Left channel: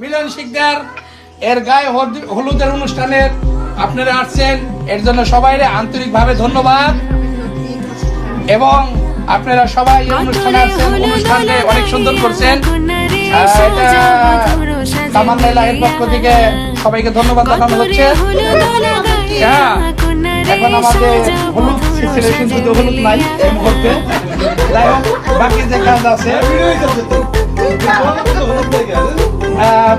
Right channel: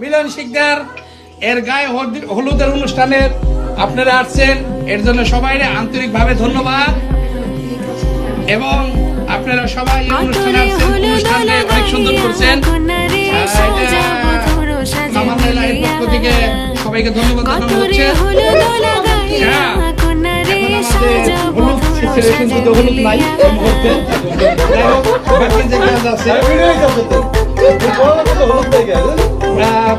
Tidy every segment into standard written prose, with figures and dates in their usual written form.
মিলন শিকদার এর গায়ে হলুদের অনুষ্ঠানে আপনারা আসছেন, এর জন্য সবাই আন্তরিকভাবে ধন্যবাদ। এবং আপনারা সবাই অনুষ্ঠানে অনেক সুন্দর করছেন। পক্ষ থেকে সবাইকে ধন্যবাদ জানানো হচ্ছে। এখন আমাদের হলুদ নাই, যাই হোক বাকি যে কাজ আছে,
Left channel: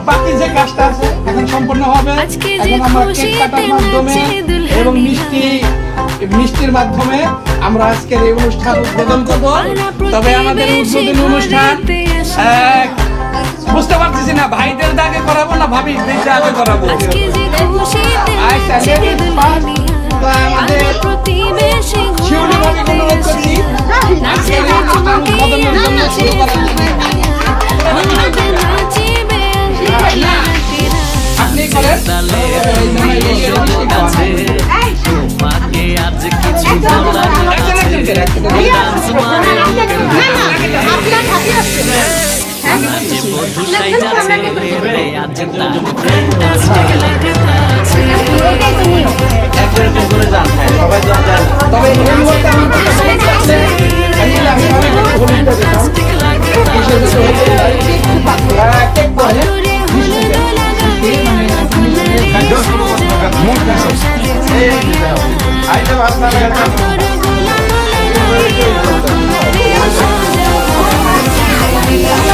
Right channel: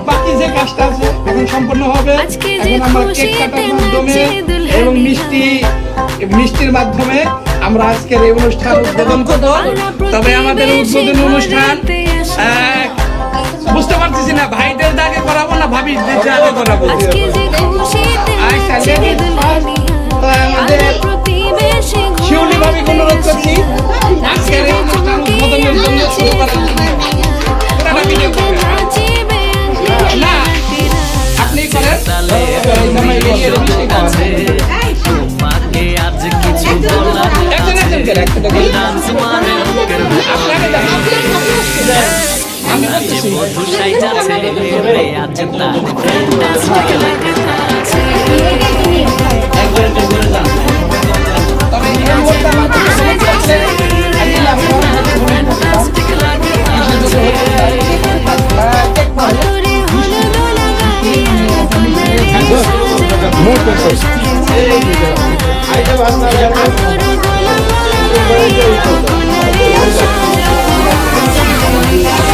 বাকি যে কাজটা আছে এখন সম্পূর্ণ হবে। এখন আমরা কেক কাটার মাধ্যমে এবং মিষ্টির মাধ্যমে আমরা আজকের এই অনুষ্ঠান উদ্বোধন করব। তবে আমাদের উদ্বোধনী অনুষ্ঠান বুঝতে পারতেছি না, ভাইদের আগে করাবো না ভাবিদের আগে করাবো। আপনি তোমাকে আজ কিছু বলার আছে, ডান্স মারে রকের ভেতরে নাচে বধূ সাইজাছে রে, আজ তার ফ্যান্টাস্টিক লাগতাছে। নাচে বধূ সাইজাছে রে, আজ তার ফ্যান্টাস্টিক লাগতাছে। অতরে হলুদ লাগাইয়া কোনারে সাজাবো সাজে মিলিয়া, অতরে গোলাপ লাগাইয়া কোনারে সাজাবো সাজে মিলিয়া।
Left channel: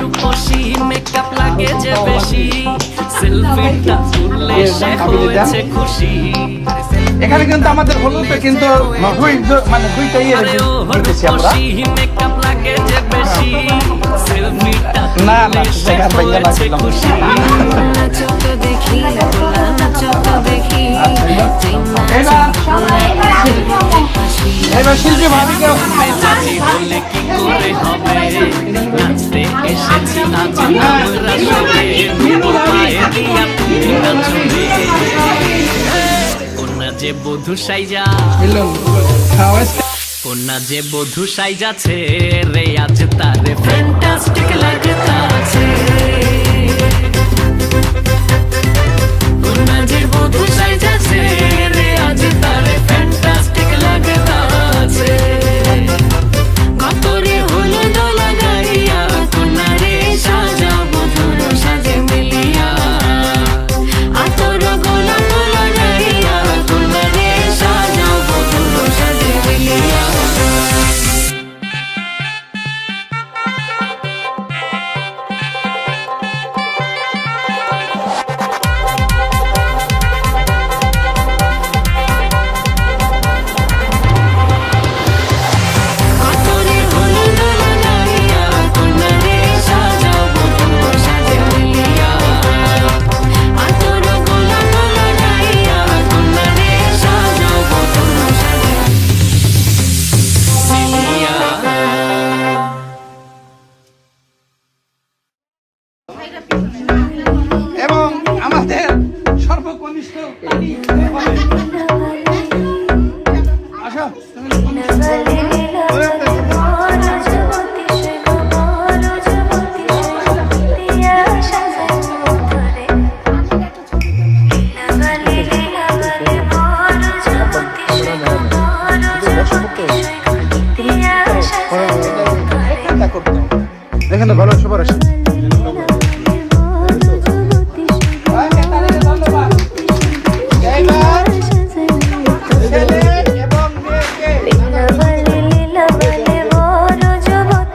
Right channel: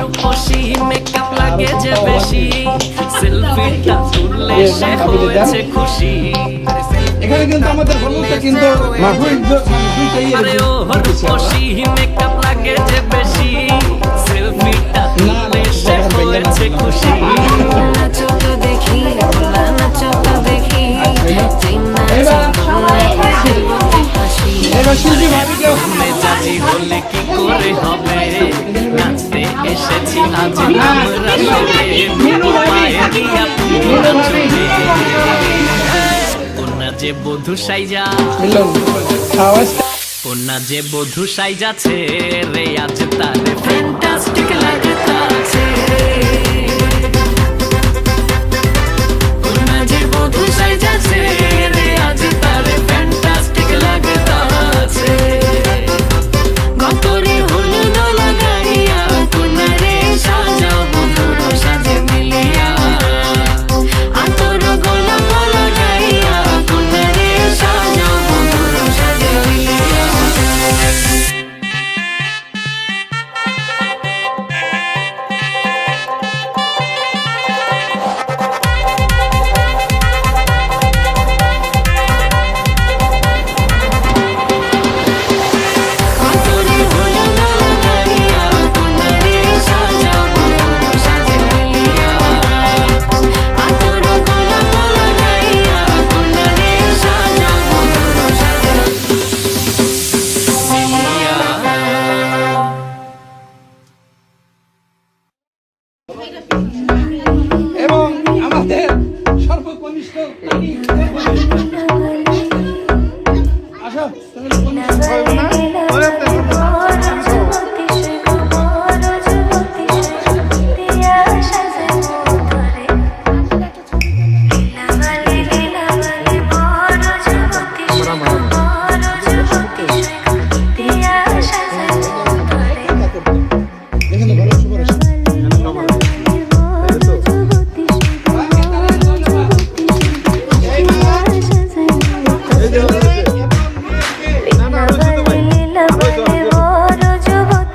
রূপসী মেকআপ লাগে যে বেশি, সেলফিটা তুললে সে হয়েছে খুশি। এখানে কিন্তু আমাদের হলুদে কিন্তু আরে ও রূপসী মেকআপ লাগে যে বেশি, সেলফিটা তুললে সে হয়েছে খুশি। নাচো তো দেখি, বলা নাচো তো দেখি, মেজাজি হলে কি করে হবে, নাচতে এসেছি আজ আমরা সবে, নুপুর পায়ে দিয়া তুমি নাচলে। কন্যা যে বধূ সাইজা, কন্যা যে বধূ সাইজাছে রে, আজ তারে ফ্যান্টাস্টিক লাগতাছে। কন্যা যে বধূ সাইজাছে রে, আজ তারে ফ্যান্টাস্টিক লাগতাছে। গতরে হলুদ লাগাইয়া কোনারে সাজাও বধূর সাজে মিলিয়া, আতর গোলাপ লাগাইয়া কোনারে সাজাও বধূর সাজে মিলিয়া। এবং আমাদের সর্বকনিষ্ঠ আসো দেখেন ভালো সবার আসে। লীলা বালে বড় যুবতী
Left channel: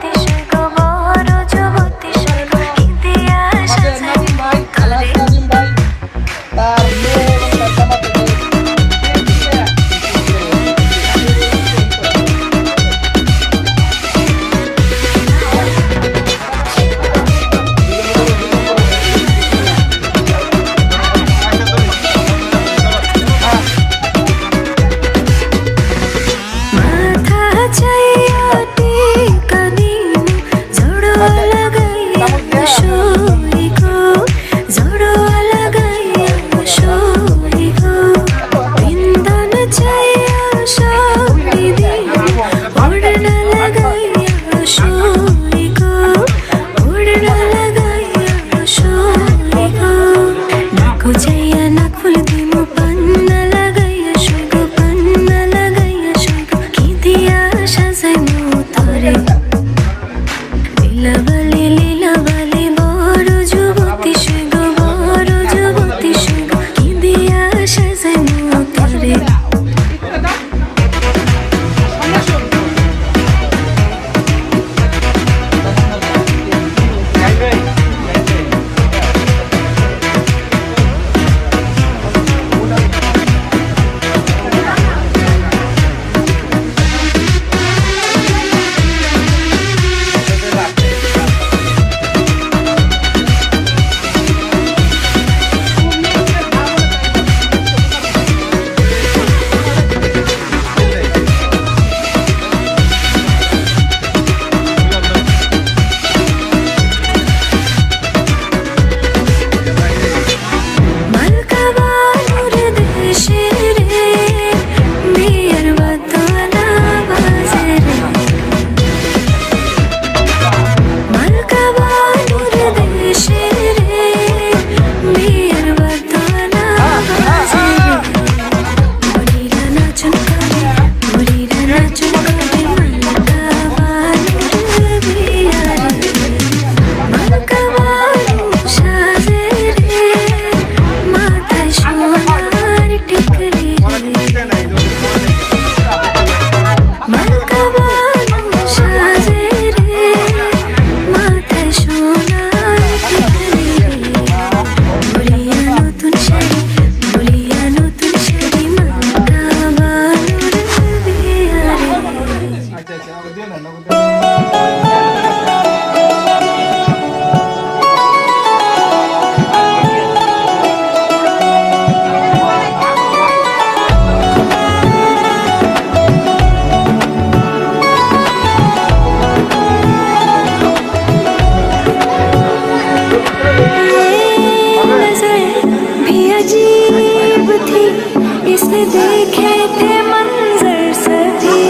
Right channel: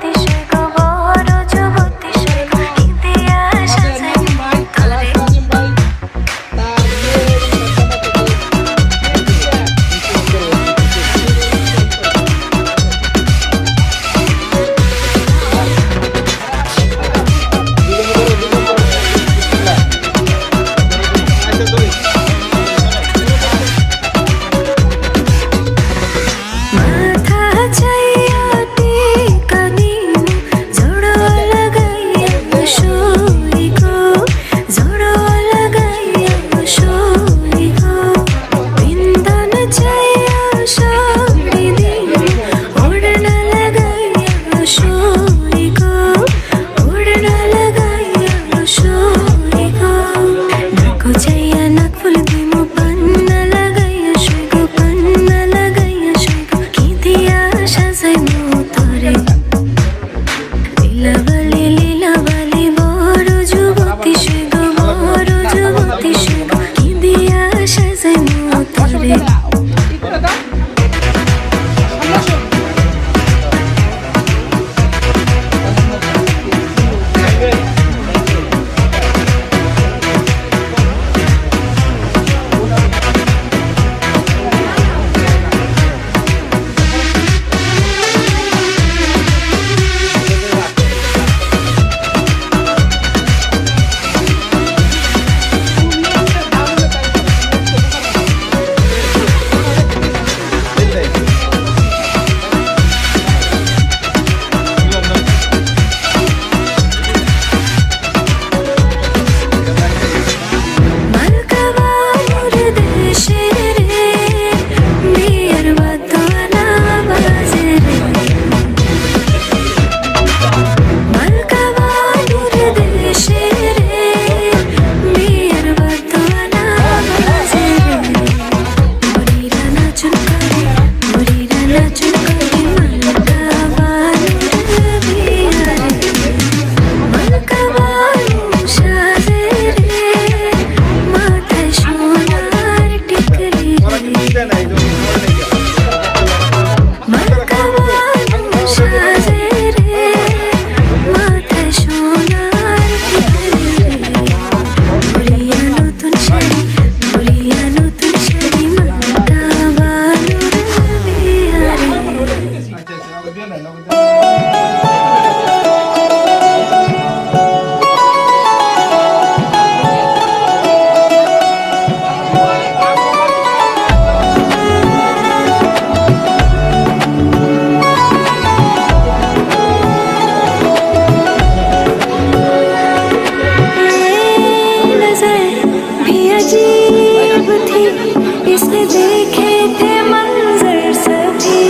किसने देखे थे मंजर सभी,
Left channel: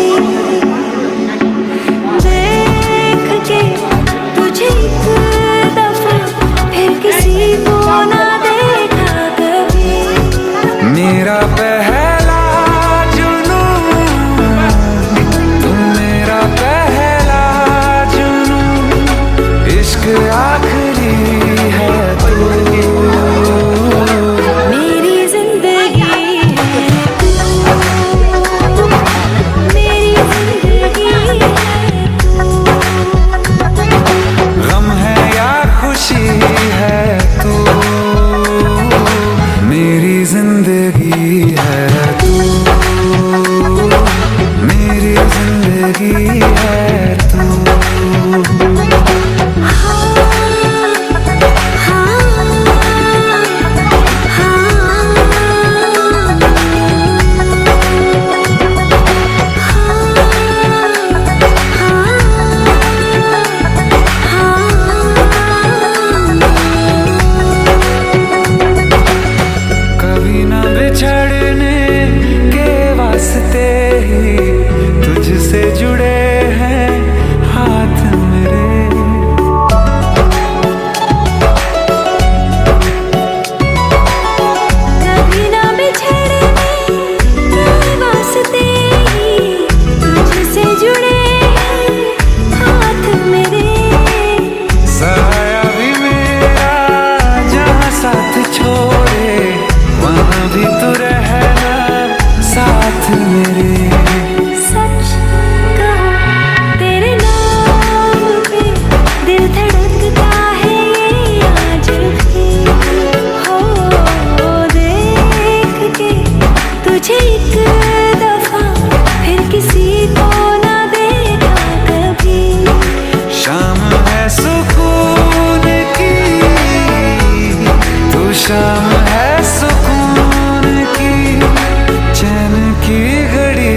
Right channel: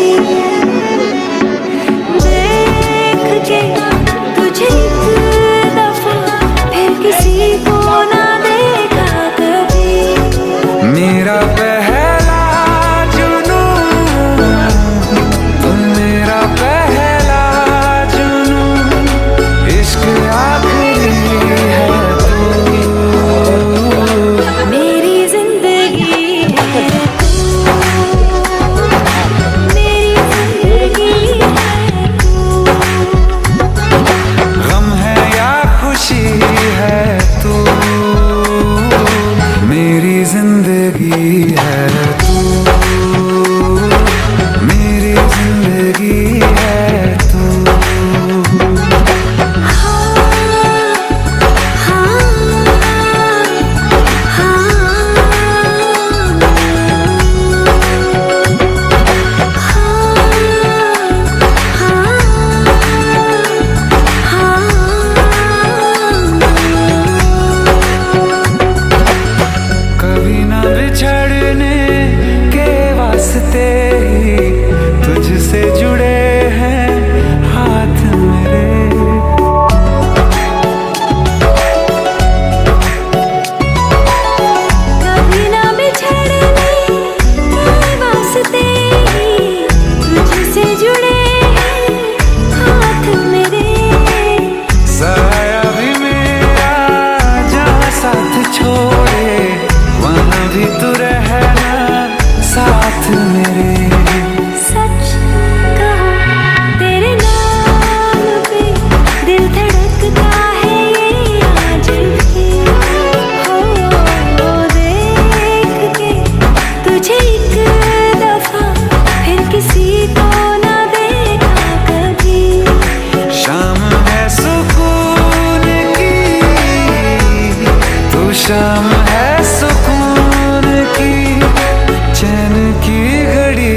देख के तुझे एक दफा फिर किसी को ना देखा कभी। मेरा पहला जुनून तुम, मेरा पहला जुनून, इश्क आखिरी है तू। मेरी जिंदगी है तू, मेरी जिंदगी है तू। गम है या खुशी है तू, मेरी जिंदगी है तू, मेरी जिंदगी है तू। कभी न बिछड़ने के वास्ते ही तुझसे जुड़े हैं हाथ मेरे। कभी ना बिछड़ने के वास्ते ही तुझसे जुड़े हैं हाथ मेरे। साया भी मेरा जहाँ साथ छोड़े, वहाँ भी तू रहना साथ मेरे। सच कहो तेरे नाम पे दिल धड़कता है ये आज भी। हो देख के तुझे एक दफा फिर किसी को ना देखा कभी। शाम है सुकून की, तू शाम है सुकून की, चैन की घड़ी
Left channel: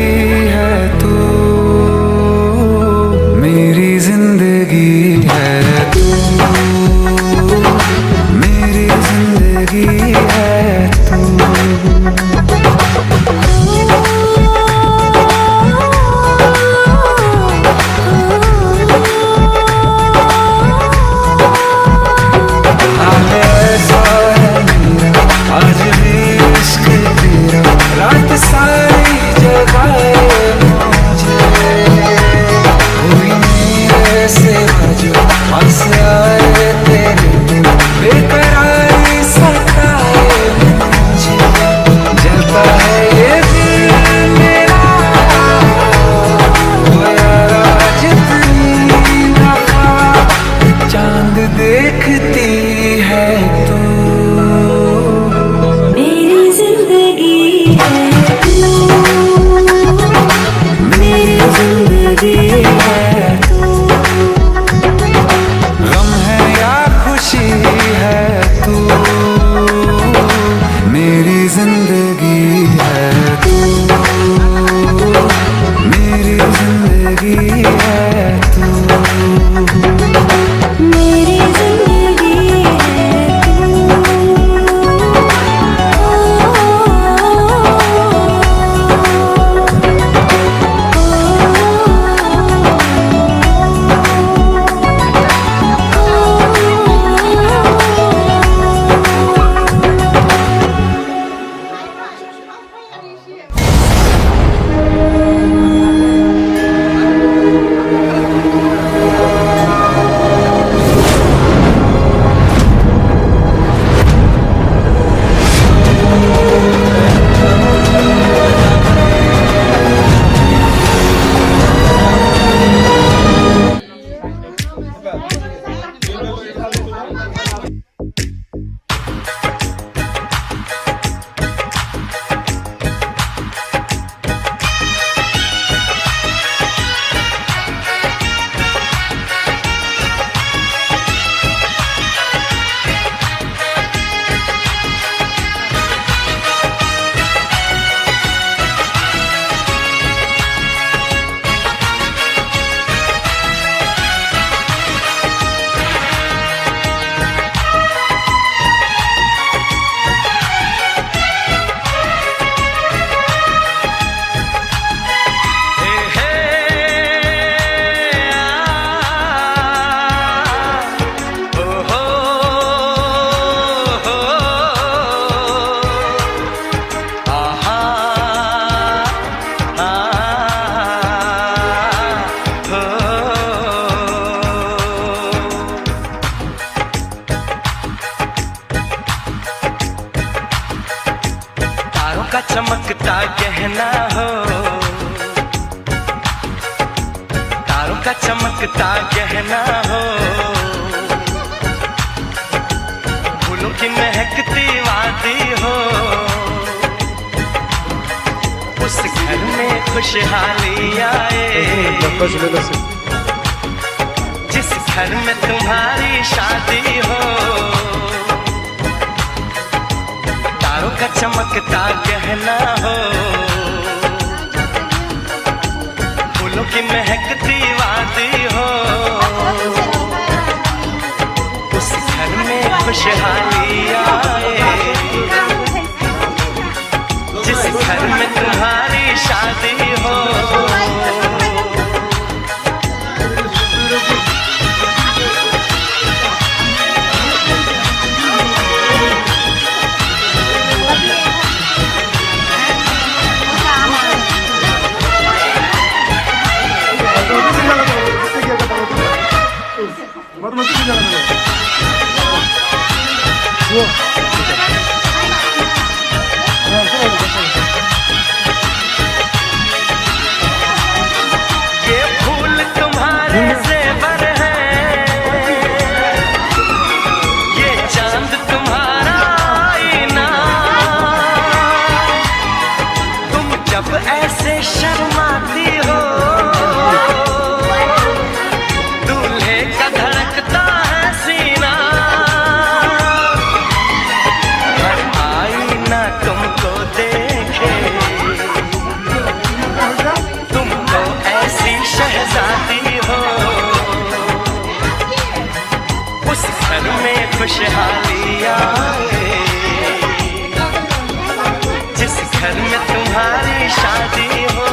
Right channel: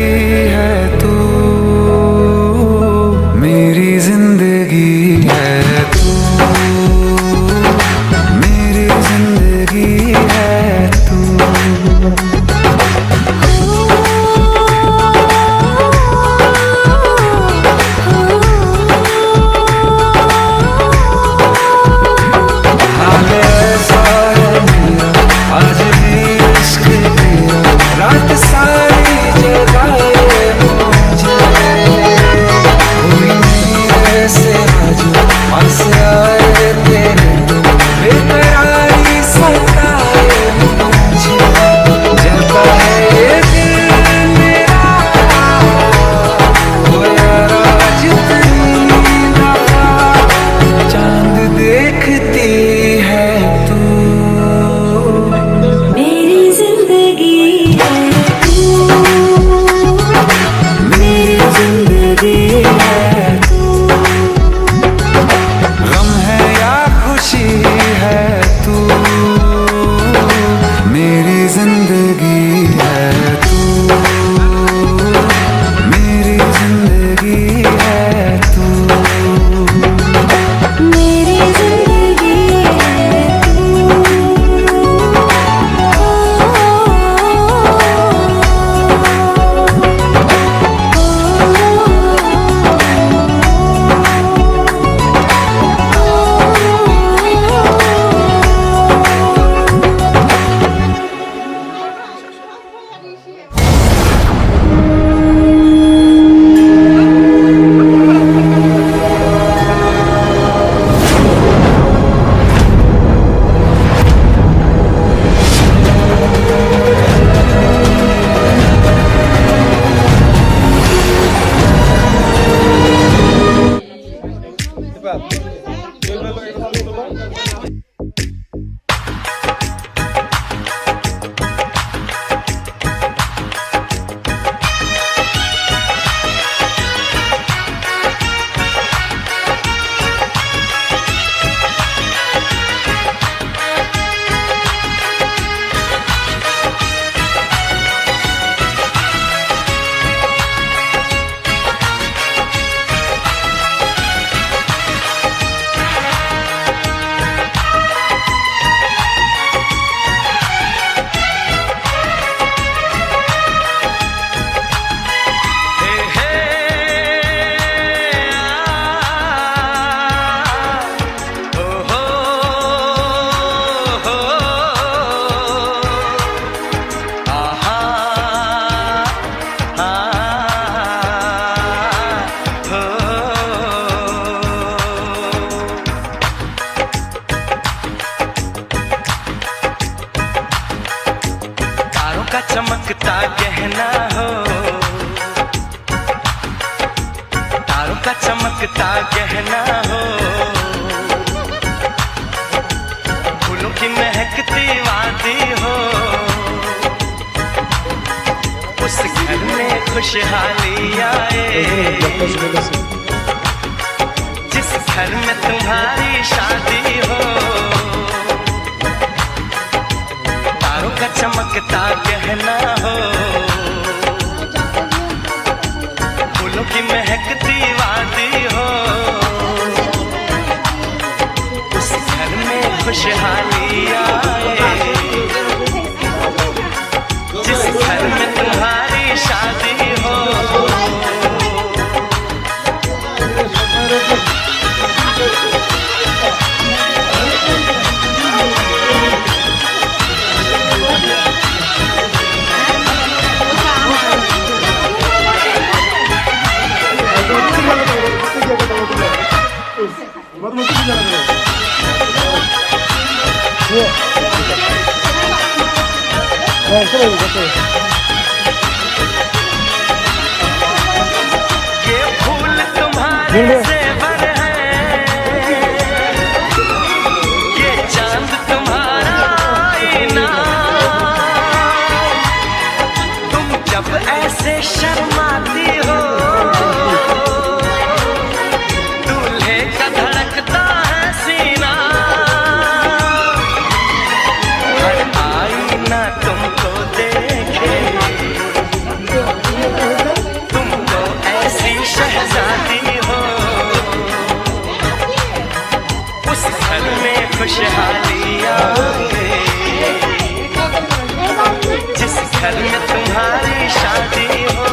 है तू। मेरी जिंदगी है तू, मेरी जिंदगी है तू। हाल ऐसा है मेरा, आज भी इश्क तेरा, रात सारी जगाए मुझे। कोई मेरे से बाजू पास आए तेरे तो, बेकरारी सताए मुझे। जलता है ये दिल मेरा, ओ यारा जितनी दफा चांद देखती है तू। मेरी जिंदगी है तू, मेरी जिंदगी है तू। गम है या खुशी है तू, मेरी जिंदगी है तू, मेरी जिंदगी है तू। मेरी जिंदगी का चमकता गहना हो, तारों का चमकता गहना हो, फूलों की महकती वादी हो, उस घर में खुशहाली आए, जिस घर में तुम्हारी शादी हो, तारों का चमकता गहना हो, फूलों की महकती वादी हो, उस घर में खुशहाली आए, जिस घर में तुम्हारी शादी हो। ये फूल तुम्हारे ज़ेवर हैं, ये चांद तुम्हारा आईना, तुम जब ऐसे शर्माती हो, दूल्हे का धड़कता है सीना, हर आईना तुमको देखे, तुमको ऐसी शहजादी हो, उस घर में खुशहाली आए, जिस घर में तुम्हारी शादी हो।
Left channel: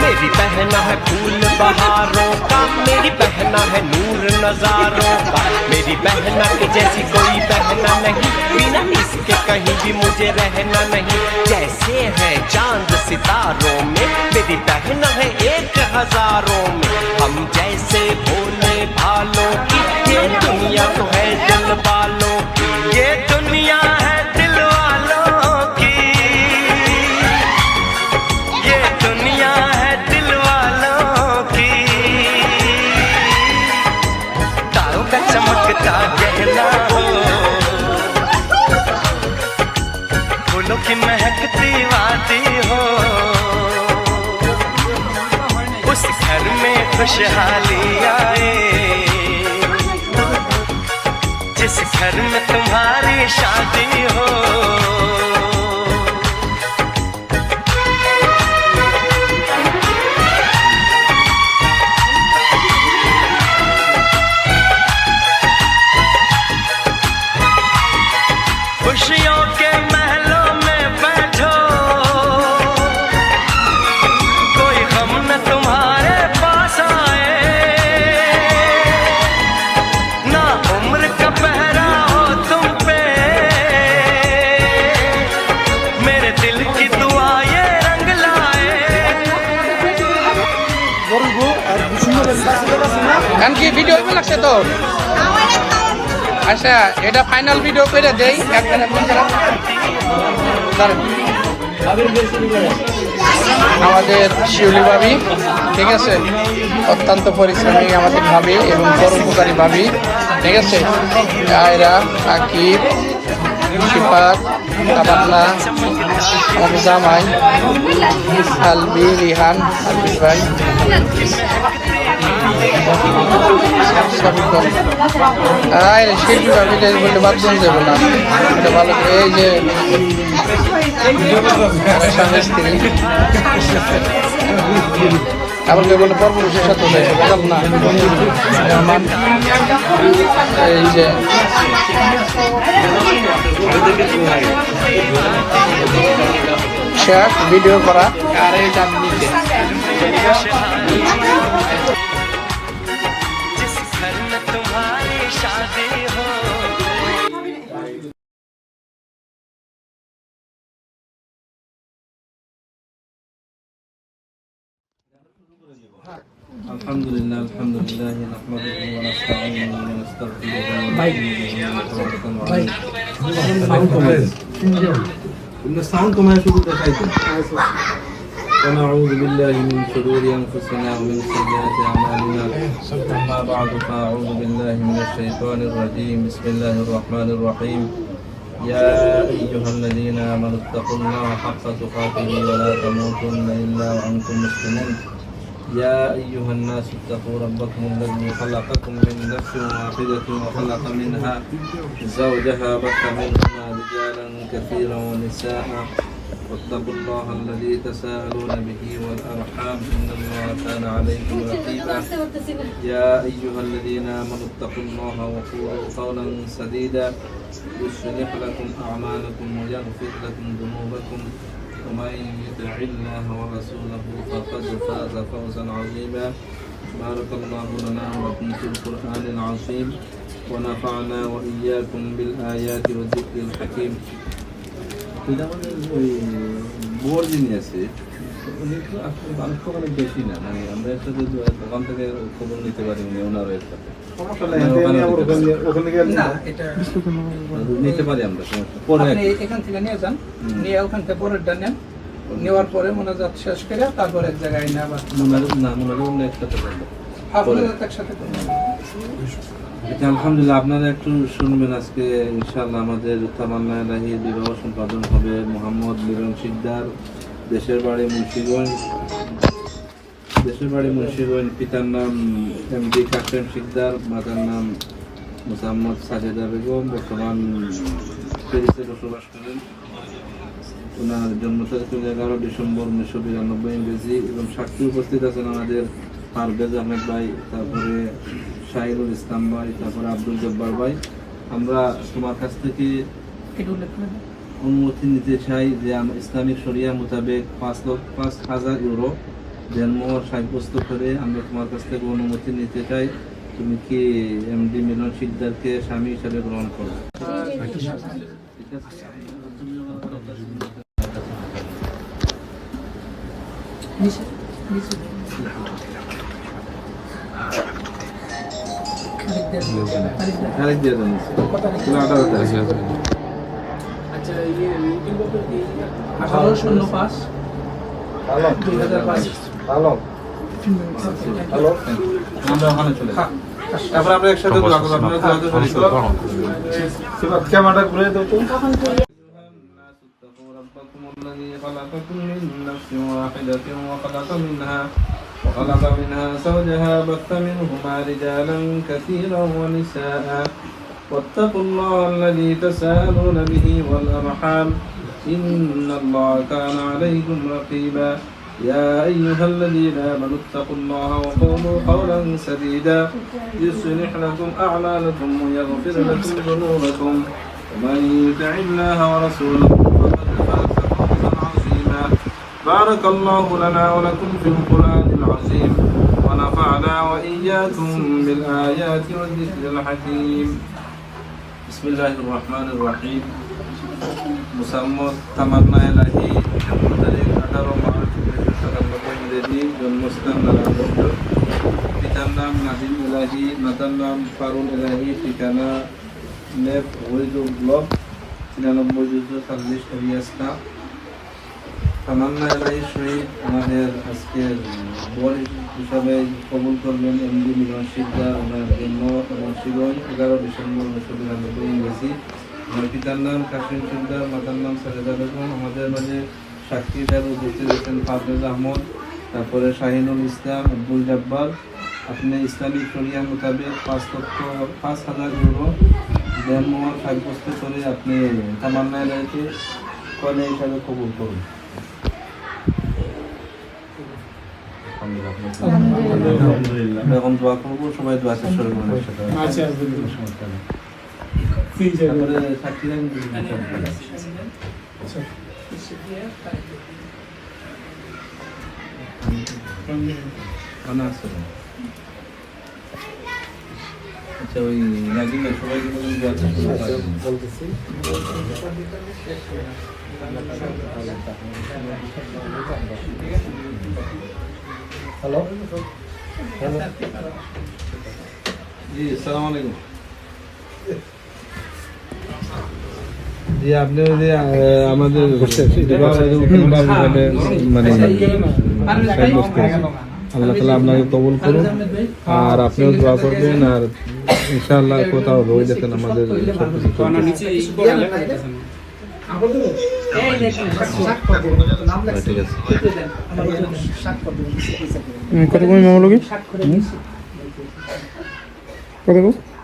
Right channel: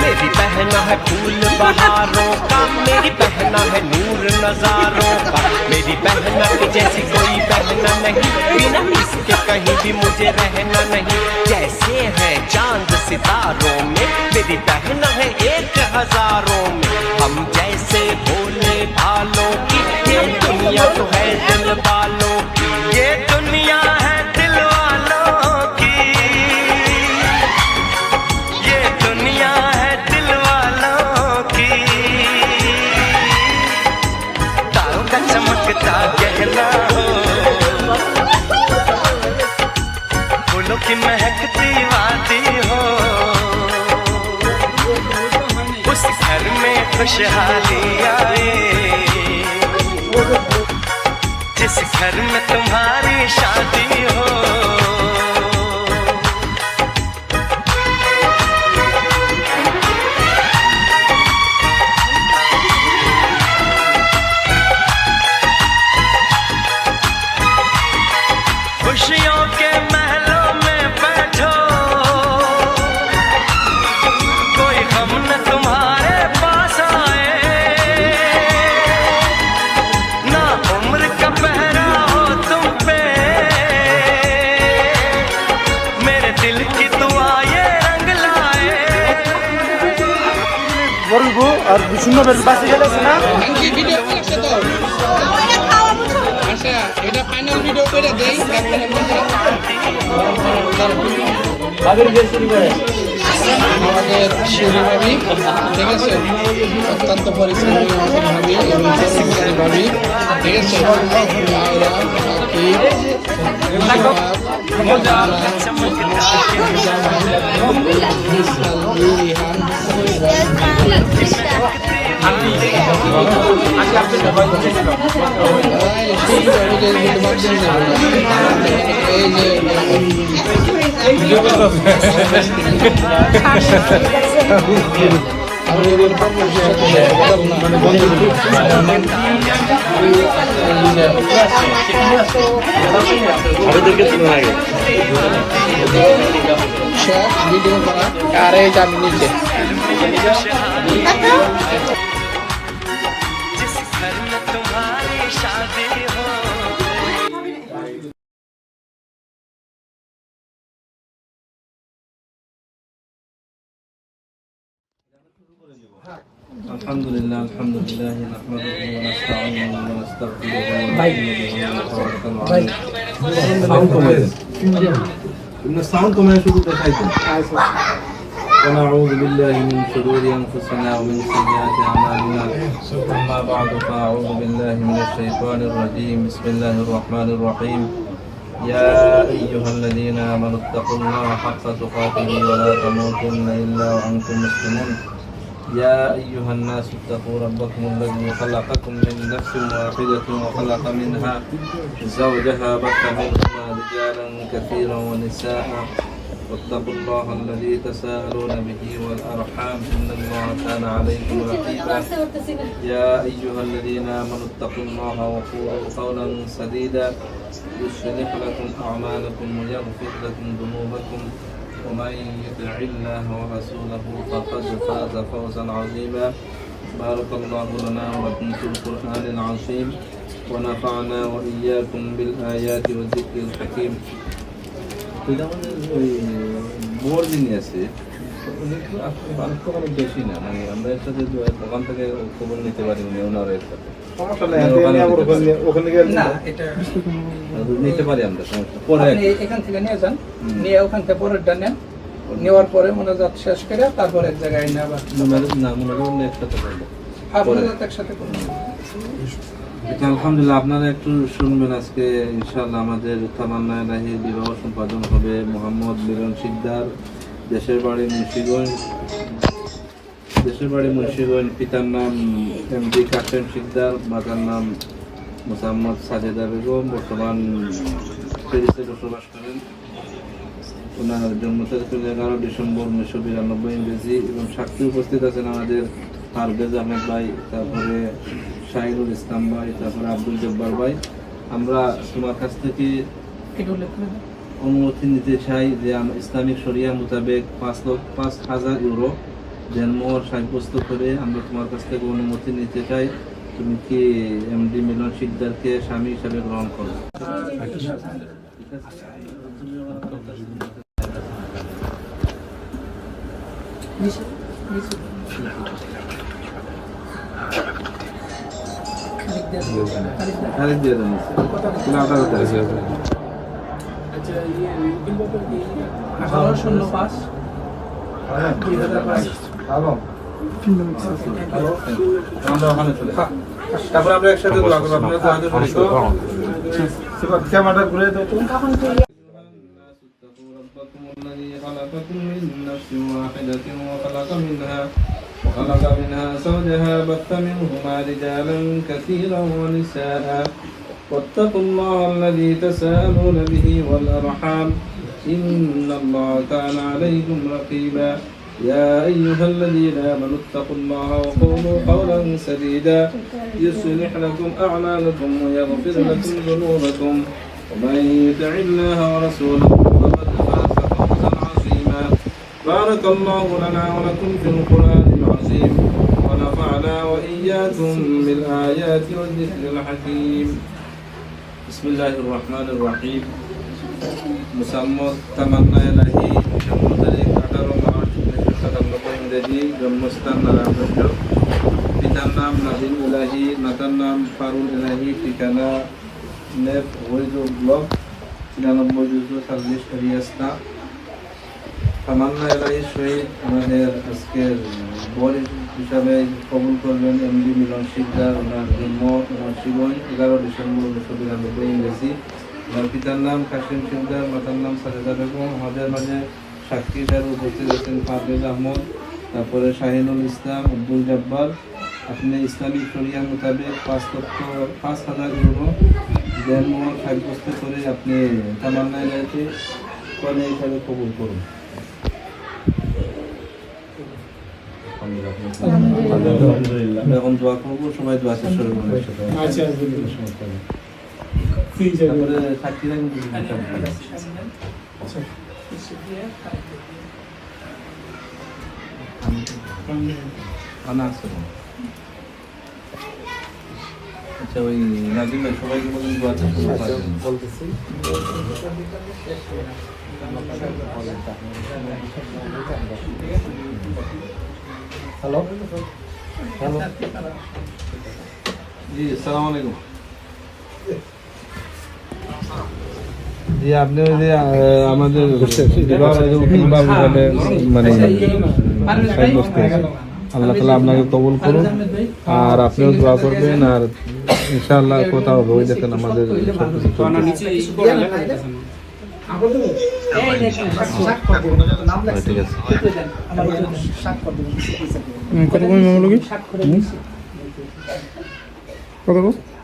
मेरी बहना है फूल बहारों का, मेरी बहना है नूर नजारों का, मेरी बहना के जैसी कोई बहना नहीं, बिना इसके कहीं भी मुझे रहना नहीं। जैसे है चांद सितारों में, मेरी बहना है 1000 में, हम जैसे भोले भालों की, ये दुनिया तो है दिल वालों की, ये दुनिया है दिल वालों की, ये दुनिया है दिल वालों की। तारों का चमकता गहना हो, फूलों की महकती वादी हो, उस घर में खुशहाली आए, जिस घर में तुम्हारी शादी हो। खुशियों के महलों में बैठो, कोई गम न तुम्हारे पास आए, ना उम्र का पहरा हो तुम पे, मेरे दिल की दुआ ये रंग लाए। গান কি ভিডিও কেমন লাগছে তো? আচ্ছা, এটা ফাইনাল ভিডিও করে দেই। আমাদের শিউলি ভাবি, ঠিক আছে, অত্যন্ত পরিশ্রমী আমাদের ভাবি এবং পরোপকারী ভাবি, ঠিক আছে। আয়রা, আকিব, শিফাত, তাবান্না, জামাই, আলবি, রিহান, ভাই, শিল্পী ভাবি যে বলতে বাথরুম যাবো না, ভালো এই যে আবার যে বলে পরপুরুষের সাথে যাব না, এই যে ভিডিও করা আর এই জানি নিচে जिस घर में तुम्हारी शादी हो। আলহামদুলিল্লাহ নাহমাদুহু ওয়া নাস্তাঈনুহু ওয়া নাস্তাগফিরুহু সাউন্ড কমায় শুধু দেখাইতেন ونعوذ بالله من شرور أنفسنا ومن سيئات أعمالنا أما بعد فأعوذ بالله من الشيطان الرجيم بسم الله الرحمن الرحيم يا أيها الذين آمنوا اتقوا الله حق تقاته ولا تموتن إلا وأنتم مسلمون يا أيها الناس اتقوا ربكم الذي خلقكم من نفس واحدة وخلق منها زوجها بث منهما رجالا كثيرا ونساء واتقوا الله الذي تساءلون به والأرحام إن الله كان عليكم رقيبا يا أيها الذين آمنوا اتقوا الله وقولوا قولا سديدا يصلح لكم أعمالكم ويغفر لكم ذنوبكم ومن يطع الله ورسوله فقد فاز فوزا عظيما بارك الله لنا ولكم في القرآن العظيم ونفعنا وإياكم بالآيات والذكر الحكيم. বোর যিনি আছে উনি তো আসলে অনেক বেশি না, মানে আমরা এর সাথে দোকান থেকে খবর নিতে পারি উনি ওনার এর সাথে নিতে পারি আমরা পরে এখান থেকে নিয়ে যান, নিয়ে ওখান থেকে পরেরটা নেন, নেওয়ার পরে মোনাজাত শেষ করে তারপর এক জায়গায় না আবার একসাথে করবো। একসাথে করবেন। আলহামদুলিল্লাহ, আপনারা একটু শুনবেন। আজকে ইনশাআল্লাহ আমাদের তামান্না ইলাহি বিবাহ সম্পাদন হবে মোহাম্মদ মিলন শিকদার, দেশের বাড়ি মুন্সিগঞ্জ, পিতার নাম এমডি কাশেম শিকদার, মাতার নাম মোসাম্মদ সাজেদা বেগম, বর্তমান প্যারিসে বসবাস করেন। ওনার জন্ম তারিখ 11 ডিসেম্বর 1992 ইংরেজি, এবং সাক্ষী উপস্থিত আছেন আমাদের পারভেজ আহমেদ ভাই, তারপরে শাহিনুল ইসলাম ভাই, তারপরে আব্দুল জব্বার ভাই। আমরা তোমার কাছ থেকে অনুমতি নিতে চাই যে ইসলামিক শরিয়া মোতাবেক 5,000 ইউরো জন্ম সাব্যস্ত করে আমরা তোমার কাছ থেকে অনুমতি নিতে চাই। তুমি কি এমডি মিলন শিকদারকে স্বামী হিসাবে গ্রহণ করো? খালিদ দিয়ে দেন। আচ্ছা, 1805 2005। আমরা ওখানে চলে যাই, তারপরে আমরা একসাথে ক্যামেরাটা ঘুরে দাও তো। ربكم الذي خلقكم من نفس واحدة وخلق منها زوجها بث منهما رجالا كثيرا ونساء واتقوا الله الذي تساءلون به والأرحام إن الله كان عليكم رقيبا يا أيها الذين آمنوا اتقوا الله وقولوا قولا سديدا يصلح لكم أعمالكم ويغفر لكم ذنوبكم ومن يطع الله ورسوله فقد فاز فوزا عظيما بارك الله لنا ولكم في القرآن العظيم ونفعنا وإياكم بالآيات والذكر الحكيم. بسم الله الرحمن الرحيم. মুসাম্মদ তামান্না ইলাহি, জন্ম তারিখ 18 মার্চ 1997 ইংরেজি, জন্মস্থান নারায়ণগঞ্জ, পিতার নাম নাদিম ইলাহি, মাতার নাম ফারুল ইলাহি, ঠিকানা নেপ হরিদুল ব্লক 99-40 এরিয়াস্তা। তামান্না ইলাহির সহিত আমাদের আজকের বর হিসাবে কবুল করবেন এমডি মিলন শিকদার। ওনার জন্ম মুন্সিগঞ্জ 11 ডিসেম্বর 1992 ইংরেজি। আমার পিতার নাম কাশেম শিকদার, মাতার নাম সাজেদা বেগম। আমাদের মাঝে সাক্ষী হিসাবে উপস্থিত আছেন পারভেজ আহমদ, তারপরে শাহিনুল ইসলাম, আব্দুল জব্বার। আপনি ইসলামিক শরিয়া মোতাবেক 5,000 ইউরো জন্ম সাব্যস্ত করে আপনি তামান্না ইলাহিকে কনে হিসাবে কবুল করুন। এখন দোয়া করবো, সবাই দোয়া শেষ করে দেবো একসাথে। তারপরে সাক্ষী আচ্ছা, ওই নাজিম ভাই সবাইকে বলুন দোয়া বলতেছি। হ্যালো জি আসসালামু আলাইকুম। জি আপনি ওই যে আমাদের মানে আল্লাহ তাআলা আপনাকে কবুল করুন, আর আপনিও দোয়া করবেন, আর ইনশাআল্লাহ কোথাও হবে ওই দেখেন আমাদের সবকিছু চলছে। ঠিক আছে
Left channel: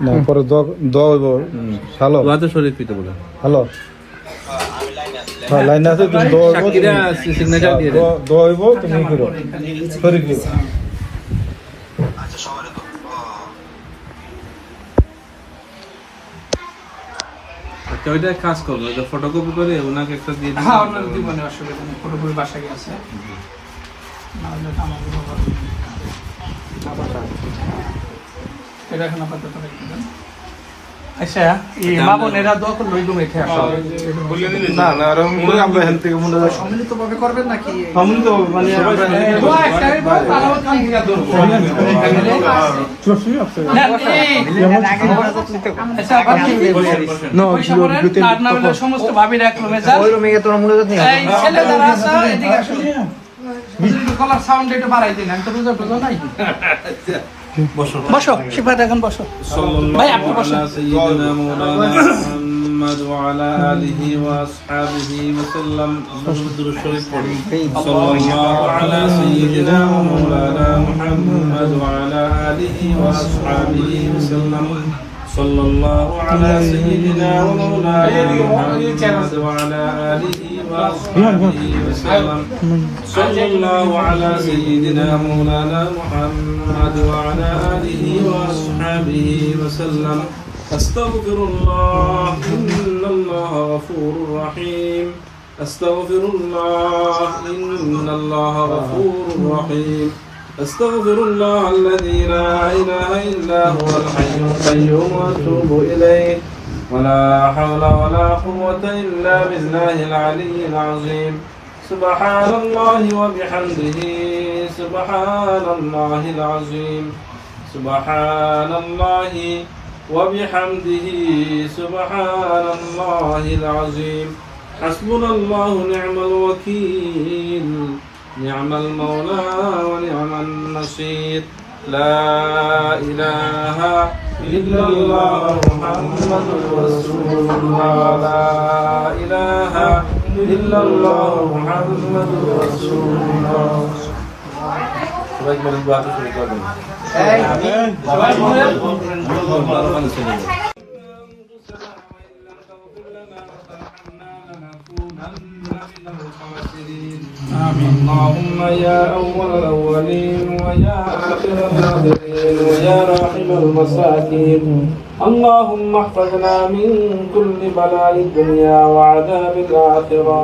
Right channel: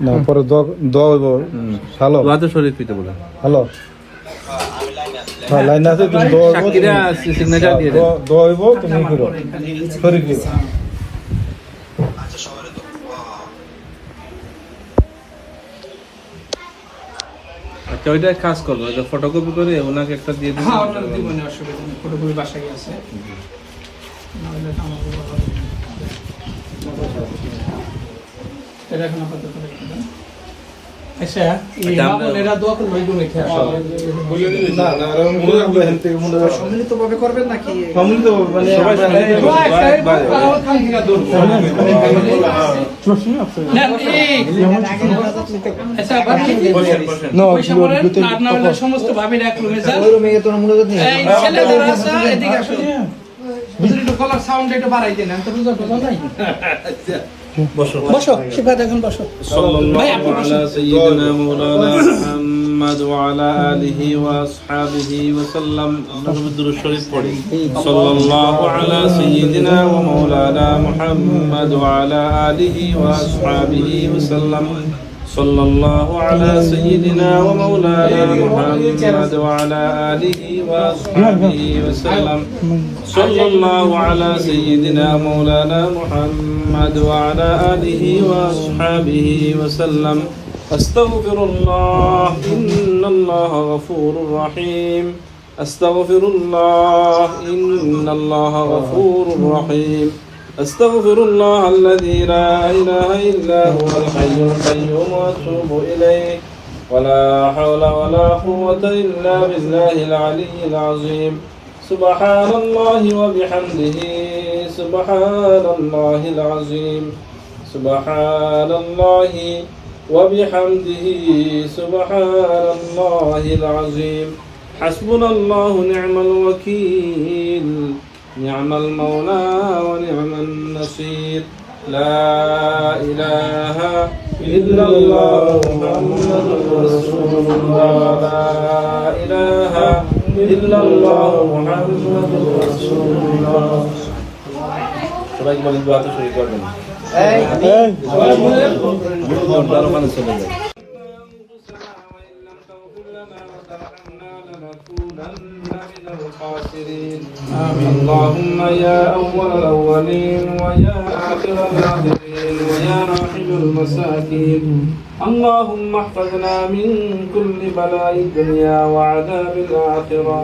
না পরে দোয়া হইব হ্যালো দোয়াতে শরীফ পিতে বলে হ্যালো লাইন আছে তুমি দোয়া হইব সিগনেচার দিয়ে দোয়া হইব তুমি করো শরীফ দিব। আচ্ছা ওইটা কাজ করবো, ওইটা ফটোকপি করে ওনাকে একটা দিয়ে দিন। হ্যাঁ আপনার দিব না, অসুবিধা নেই, ফটোকপি বাসায় আছে না হলে আমাকে এটা এখন আপাতত রেখে দেন। আচ্ছা এই মামুনেরা দোয়া করলে ওই রুমে খেয়ে আসবে না না আর মনে আমরা হেলথ থেকে মনে হয় সম্মিলিতভাবে করবেন নাকি সম্মিলিত মানে দোয়া একটা তারাও খান থেকে দূর আচ্ছা বাকি না হলে সমস্ত ভাবিরা এক রুমে যান, ওই রুমে গিয়ে তোমরা মনে করতে এই ছেলে যারা আছে এদিকে আসো, একটু কলার সাউন্ড একটু বাড়াই দিন, আমি তো বুঝতে পারলাম নাই। বসো শিবরাত এখন বসো ভাই, আপনি বসো। سيدنا مولانا محمد وعلى آله وأصحابه وسلم نحمد الشريف صلى الله على سيدنا ومولانا محمد وعلى آله وأصحابه وسلم صلى الله على سيدنا ومولانا محمد وعلى آله وأصحابه وسلم صلى الله على سيدنا مولانا محمد وعلى آله وأصحابه وسلم أستغفر الله إن الله غفور رحيم أستغفر الله إن الله غفور رحيم أستغفر الله الذي لا إله إلا هو الحي القيوم وأتوب إليه ولا حول ولا قوة إلا بالله العلي العظيم سبحان الله وبحمده سبحان الله العظيم سبحان الله وبحمده سبحان الله العظيم حسبنا الله نعم الوكيل نعم المولى ونعم النصير لا إله إلا الله محمد رسول الله لا إله إلا الله محمد رسول الله সবাই বলেন দোয়া তো শুরু করবেন সবাই বলেন চলে যান اللهم يا أول الأولين ويا آخر الآخرين ويا راحم المساكين اللهم احفظنا من كل بلاء الدنيا وعذاب الآخرة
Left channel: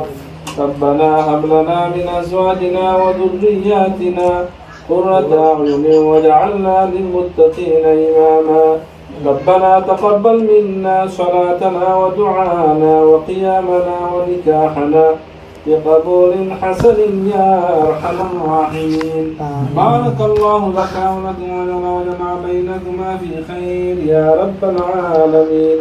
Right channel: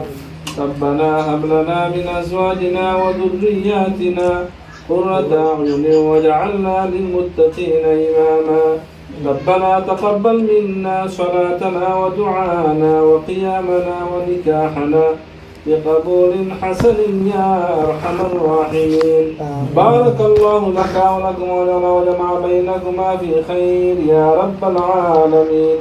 ربنا هب لنا من أزواجنا وذرياتنا قرة أعين واجعلنا للمتقين إماما ربنا تقبل منا صلاتنا ودعانا وقيامنا ونكاحنا بقبول حسن يا أرحم الراحمين بارك الله لك ولكم ولنا وجمع بينكما في خير يا رب العالمين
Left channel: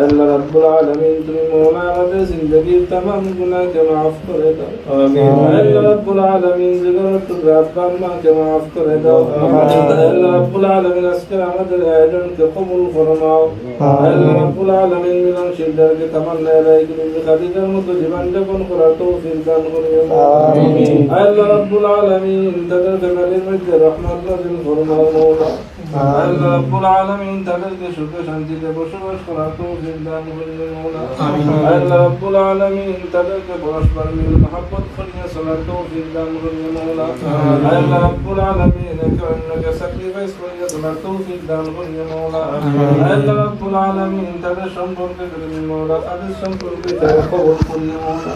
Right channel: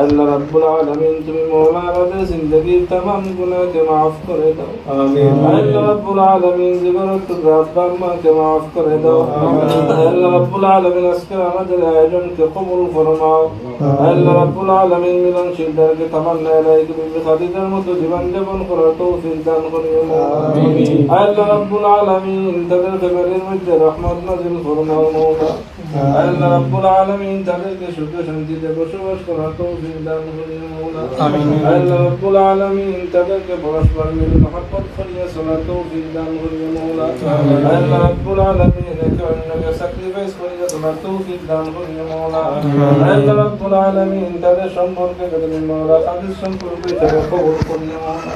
ألا رب العالمين تمي مولانا زندگی تمام گناہ کے معاف کرے دو ألا رب العالمين زگرت ربما کے معاف کرے دو ألا رب العالمين اسکر آمد الأجن کے قبول فرماؤ ألا رب العالمين ملن شدر کے تمنا إليك بخديج المتجبان جبن قرأتو في الدان غنيم ألا رب العالمين تدر تملي مجد رحمت نزل فرما الموضى ألا رب العالمين تدر شكر شنجي بشوش قرأتو ألا رب العالمين تدرك برشبر من محبت خليا صلاته في الدان غني مولا ألا رب العالمين كأنك sacrifice خليا صلاته في الدان غني مولا ألا رب العالمين تدر شمبر كدر مولا قدر شمبر بيتك قول خليا مولا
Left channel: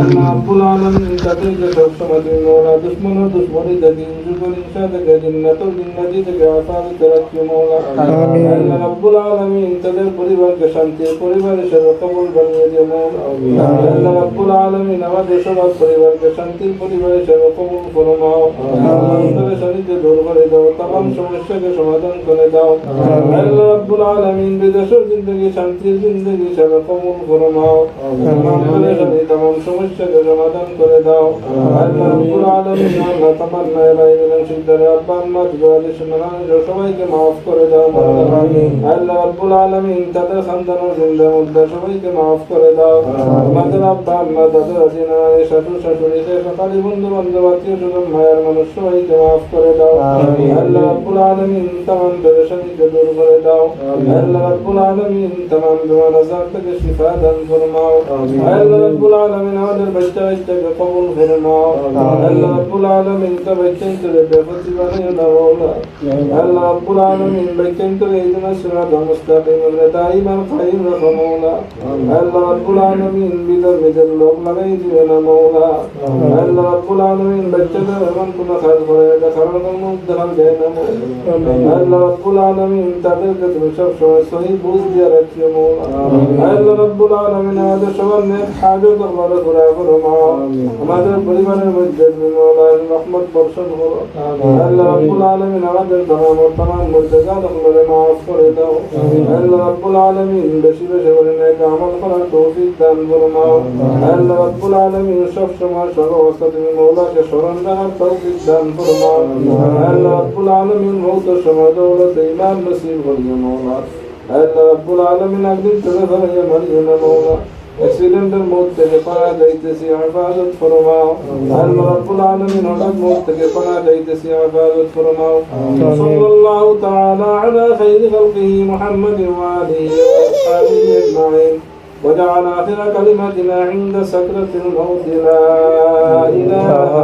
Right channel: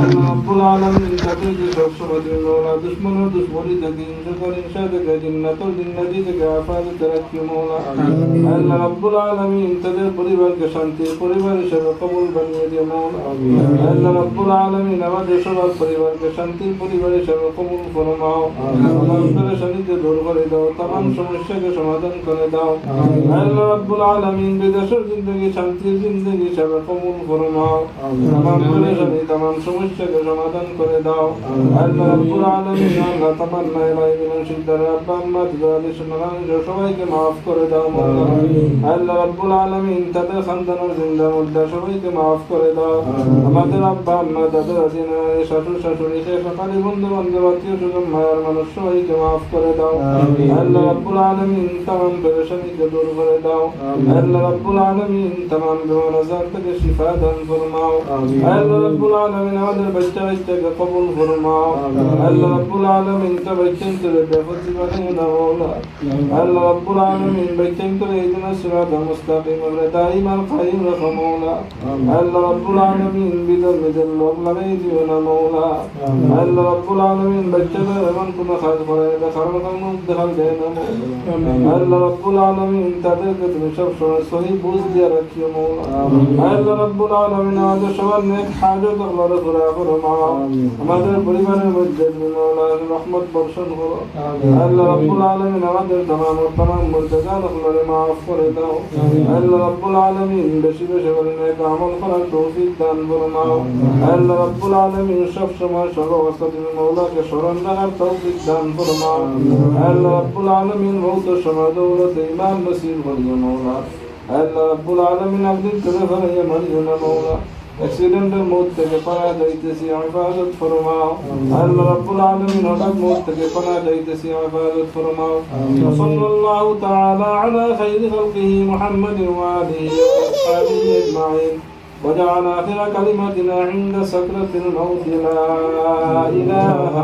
ألا رب العالمين تدر جسر سمد مولا دشمن دشمني دقين جدول إنشادك جنة الجنة ديتك عفاظ ترك مولا ألا رب العالمين تدر قريبا শান্তি পরিবার হিসেবে কবুল বানিয়ে দিও মাওলা। আল্লাহ রাব্বুল আলামিন আমাদের সবার পরিবারকে শান্তির পরিবার হিসেবে কবুল করো মাও। পেরেশানিতে দূর করে দাও, तमाम সমস্যাকে সমাধান করে দাও। আল্লাহ রাব্বুল আলামিন বিদেশের জিন্দগি শান্তির জিন্দগি হিসেবে কবুল করো মাও। तमाम পেরেশানি तमाम সমস্যাকে সমাধান করে দাও। আল্লাহ রাব্বুল আলামিন আল্লাহ তামান্না ইলাইহিনা সিদ্দার আব্বা আম্মা দিদালি সুনান সবাইকে maaf করে দাও মাওলা। আল্লাহ রাব্বুল আলামিন তাদের সন্তানের জিন্দা মুর্দা সবাইকে maaf করে দাও। আমাদের আব্বা আম্মা দাদা দাদিনা শাশুড় শাশুড়ি সকালে বন্ধু বান্ধব আত্মীয় স্বজন মায়ের মানুষ সবাইকে maaf করে দাও। আল্লাহ রাব্বুল আলামিন तमाम পেরেশানিকে দূর করে দাও। আল্লাহ রাব্বুল আলামিন तमाम বেমার আজার থেকে শিফা দান ফরমাও। আল্লাহ রাব্বুল আলামিন আমাদের বাচ্চাকে কবুল ফরমাও। আল্লাহ রাব্বুল আলামিন তা বাচ্চাকে বেফতি বানিয়ে দাও মাওলা। আল্লাহ রাব্বুল আলামিন বাচ্চাকে ইহদিনা সিরাতাল মুস্তাকিম ওয়া দাইমান কাইম রাখো মাওলা। আল্লাহ রাব্বুল আলামিন বিদর লোক লাগাই দিও না মাওলা। আল্লাহ রাব্বুল আলামিন বাচ্চাদের এমন কোনো কাজ করে এটা কারণ কোনো দেখা যায় না মাওলা। আল্লাহ রাব্বুল আলামিন তাদেরকে তুমি সব সময় সহি বুঝ দিয়ে রাখিও মাওলা। আল্লাহ রাব্বুল আলামিন আমাদের সবার নেক হাজত আল্লাহ পুরা করো মাও। আমাদের পরিবারের মধ্যে তুমি মাওলা রহমত বর্ষণ করো। আল্লাহ রাব্বুল আলামিন আমাদের তমাম মুর্দাগান আল্লাহ maaf করে দাও। আল্লাহ রাব্বুল আলামিন বেশি বেশি করে নেক আমল করার তৌফিক দান ফরমাও। আল্লাহ রাব্বুল আলামিন সব সময় সব অবস্থা তুমি মাওলাকে স্মরণ রাখার তৌফিক দান ফরমাও। আল্লাহ রাব্বুল আলামিন মওত সময় দৌলত ঈমান নসিব করিও মাওলা। আল্লাহ রাব্বুল আলামিন আপনি তুমি ফরমাইয়া মানিও না মাওলা। অ্যাক্সিডেন্টের মত থেকে পানা যাইতেছি হিফাজত ফরমাও। আল্লাহ রাব্বুল আলামিন হঠাৎ মত থেকে পানা যাইতেছি হিফাজত ফরমাও। সাল্লাল্লাহু তাআলা আলা খাইরি খালকিহি মুহাম্মাদিন ওয়া আলিহি ওয়া আসহাবিহি আজমাইন وجعل آخر كلمتنا عند سكرة الموت لا إله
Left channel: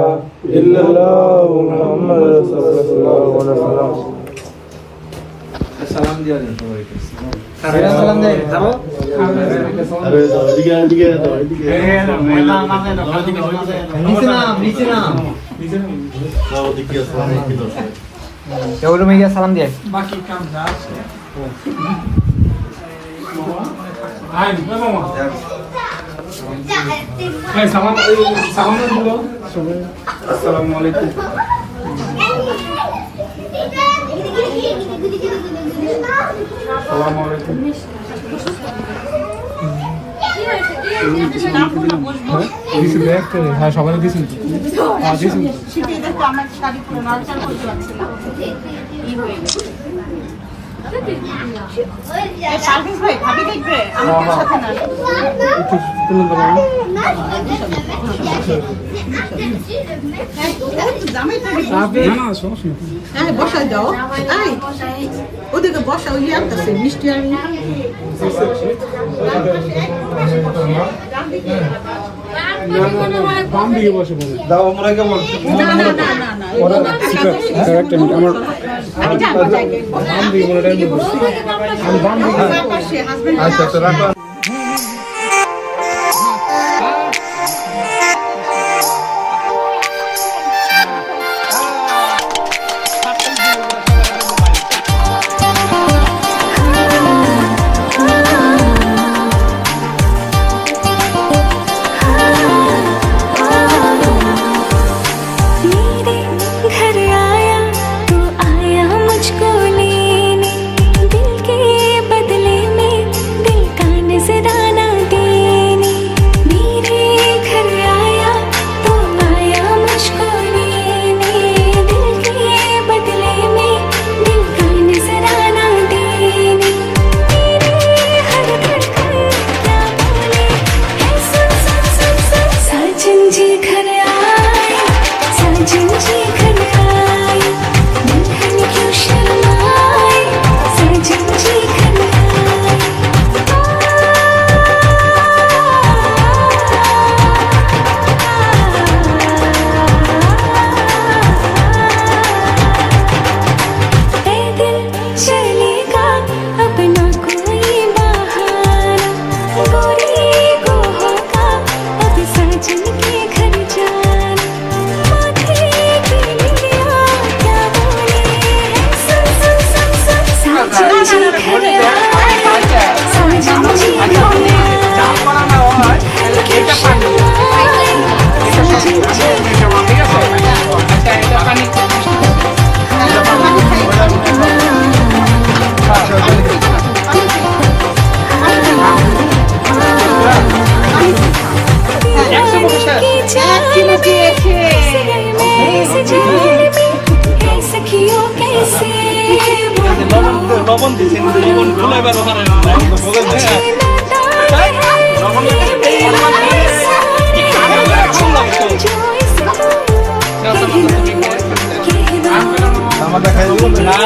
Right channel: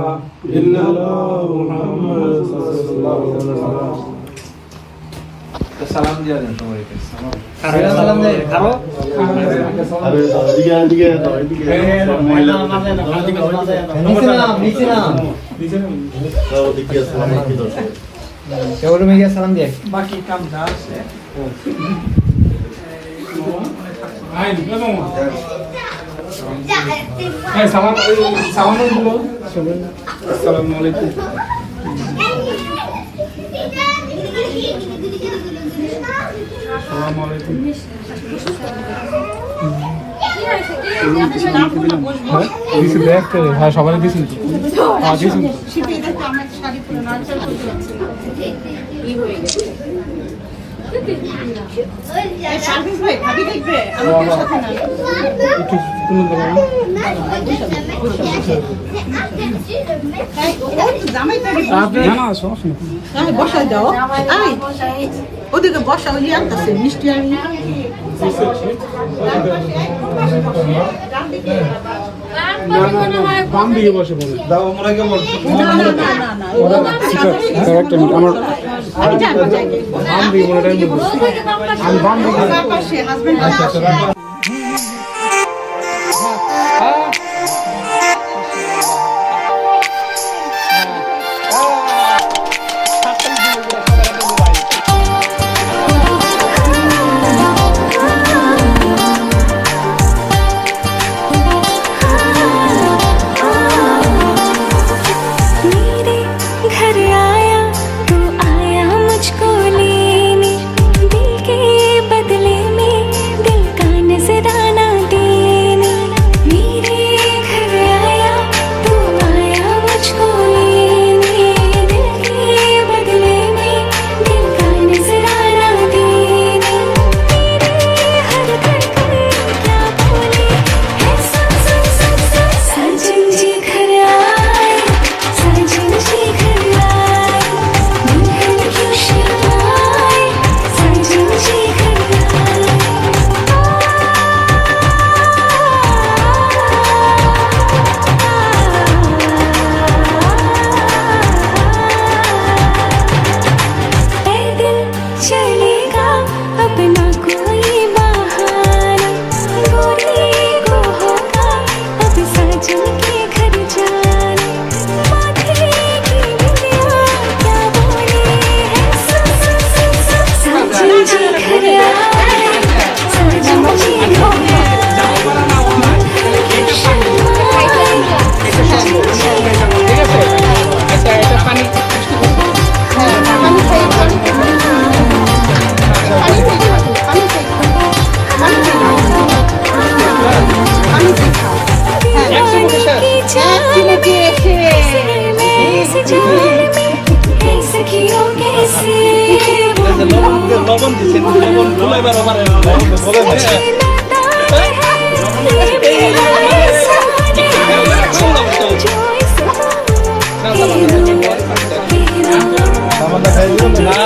إلا الله محمد رسول الله وسلم সালাম দিয়া দেন সবাইকে। সালাম দেয় খাবো সালাম দিয়ে বাকি কাম আসসালামু আলাইকুম। আসসালামু আলাইকুম। হ্যাঁ সবাই দিয়েছেন বসা যাও ওদিকে বসা ওই আসতেছে মিষ্টি আমি বাম দিকে বসে বলে দাও আমরা কেমন আমার বাম দিকে বলে আমি বাম দিকে আচ্ছা লবণ দিচ্ছেন, লবণ খুলে বেরো পারেন। আমাদের খাই দিবেন না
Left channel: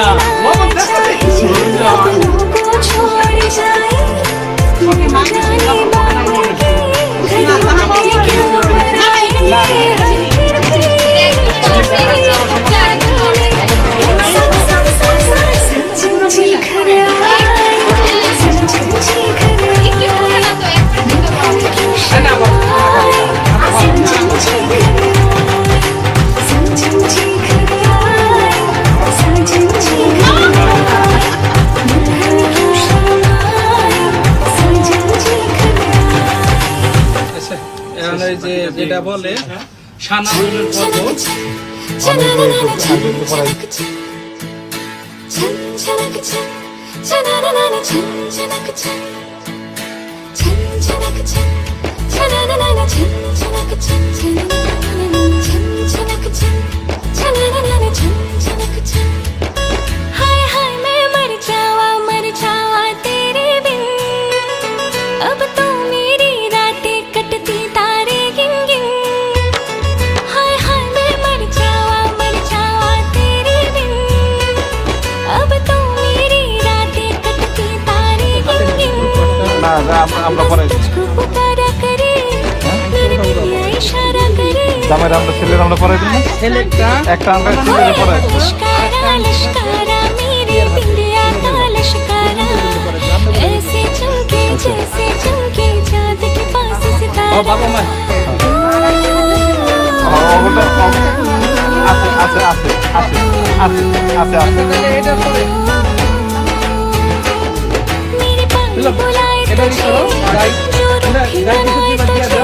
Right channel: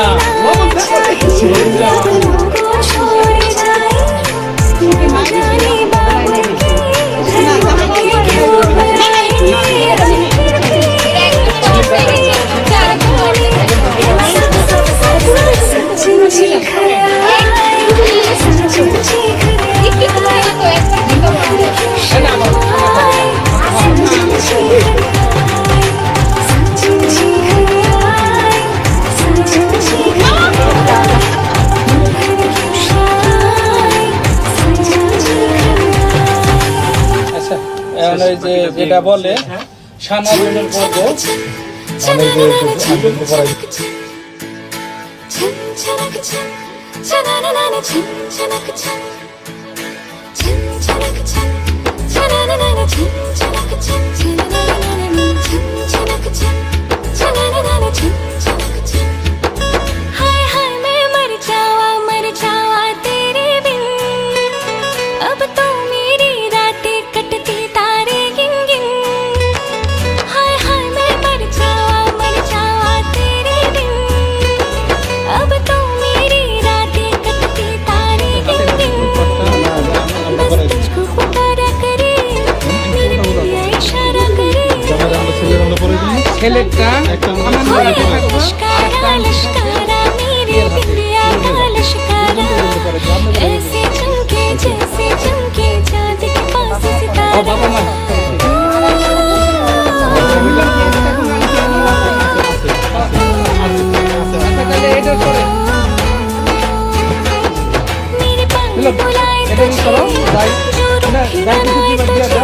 जाने बाबू के घर वाले क्यों बनाए हैं फिर भी क्या बोले सब सब सब सचिन जी घर आए सचिन जी घर आए क्यों शर्माए सचिन जी घर आए सचिन जी घर आए सचिन जी घर आए क्यों शर्माए सचिन जी घर आए আচ্ছা, এখন এই যে যেটা বলে সানা বইনের পর্ব, हाय हाय मैं मर जावा तेरे बिन अब तो मेरी रातें कटती तारे गिन गिन हाय हाय मैं मर जावा तेरे बिन अब तो मेरी रातें कटती तारे गिन गिन बस तुझको पुकारा करे मेरे बिंदिया इशारा करे ছেলেটা लश्कारा लश्कारा मेरे बिंदिया का लश्कारा ऐसे चमके जैसे चमके चांद के पास सितारा मेरे पानी बुलाए तुझे जो रुखी बनाए तुझे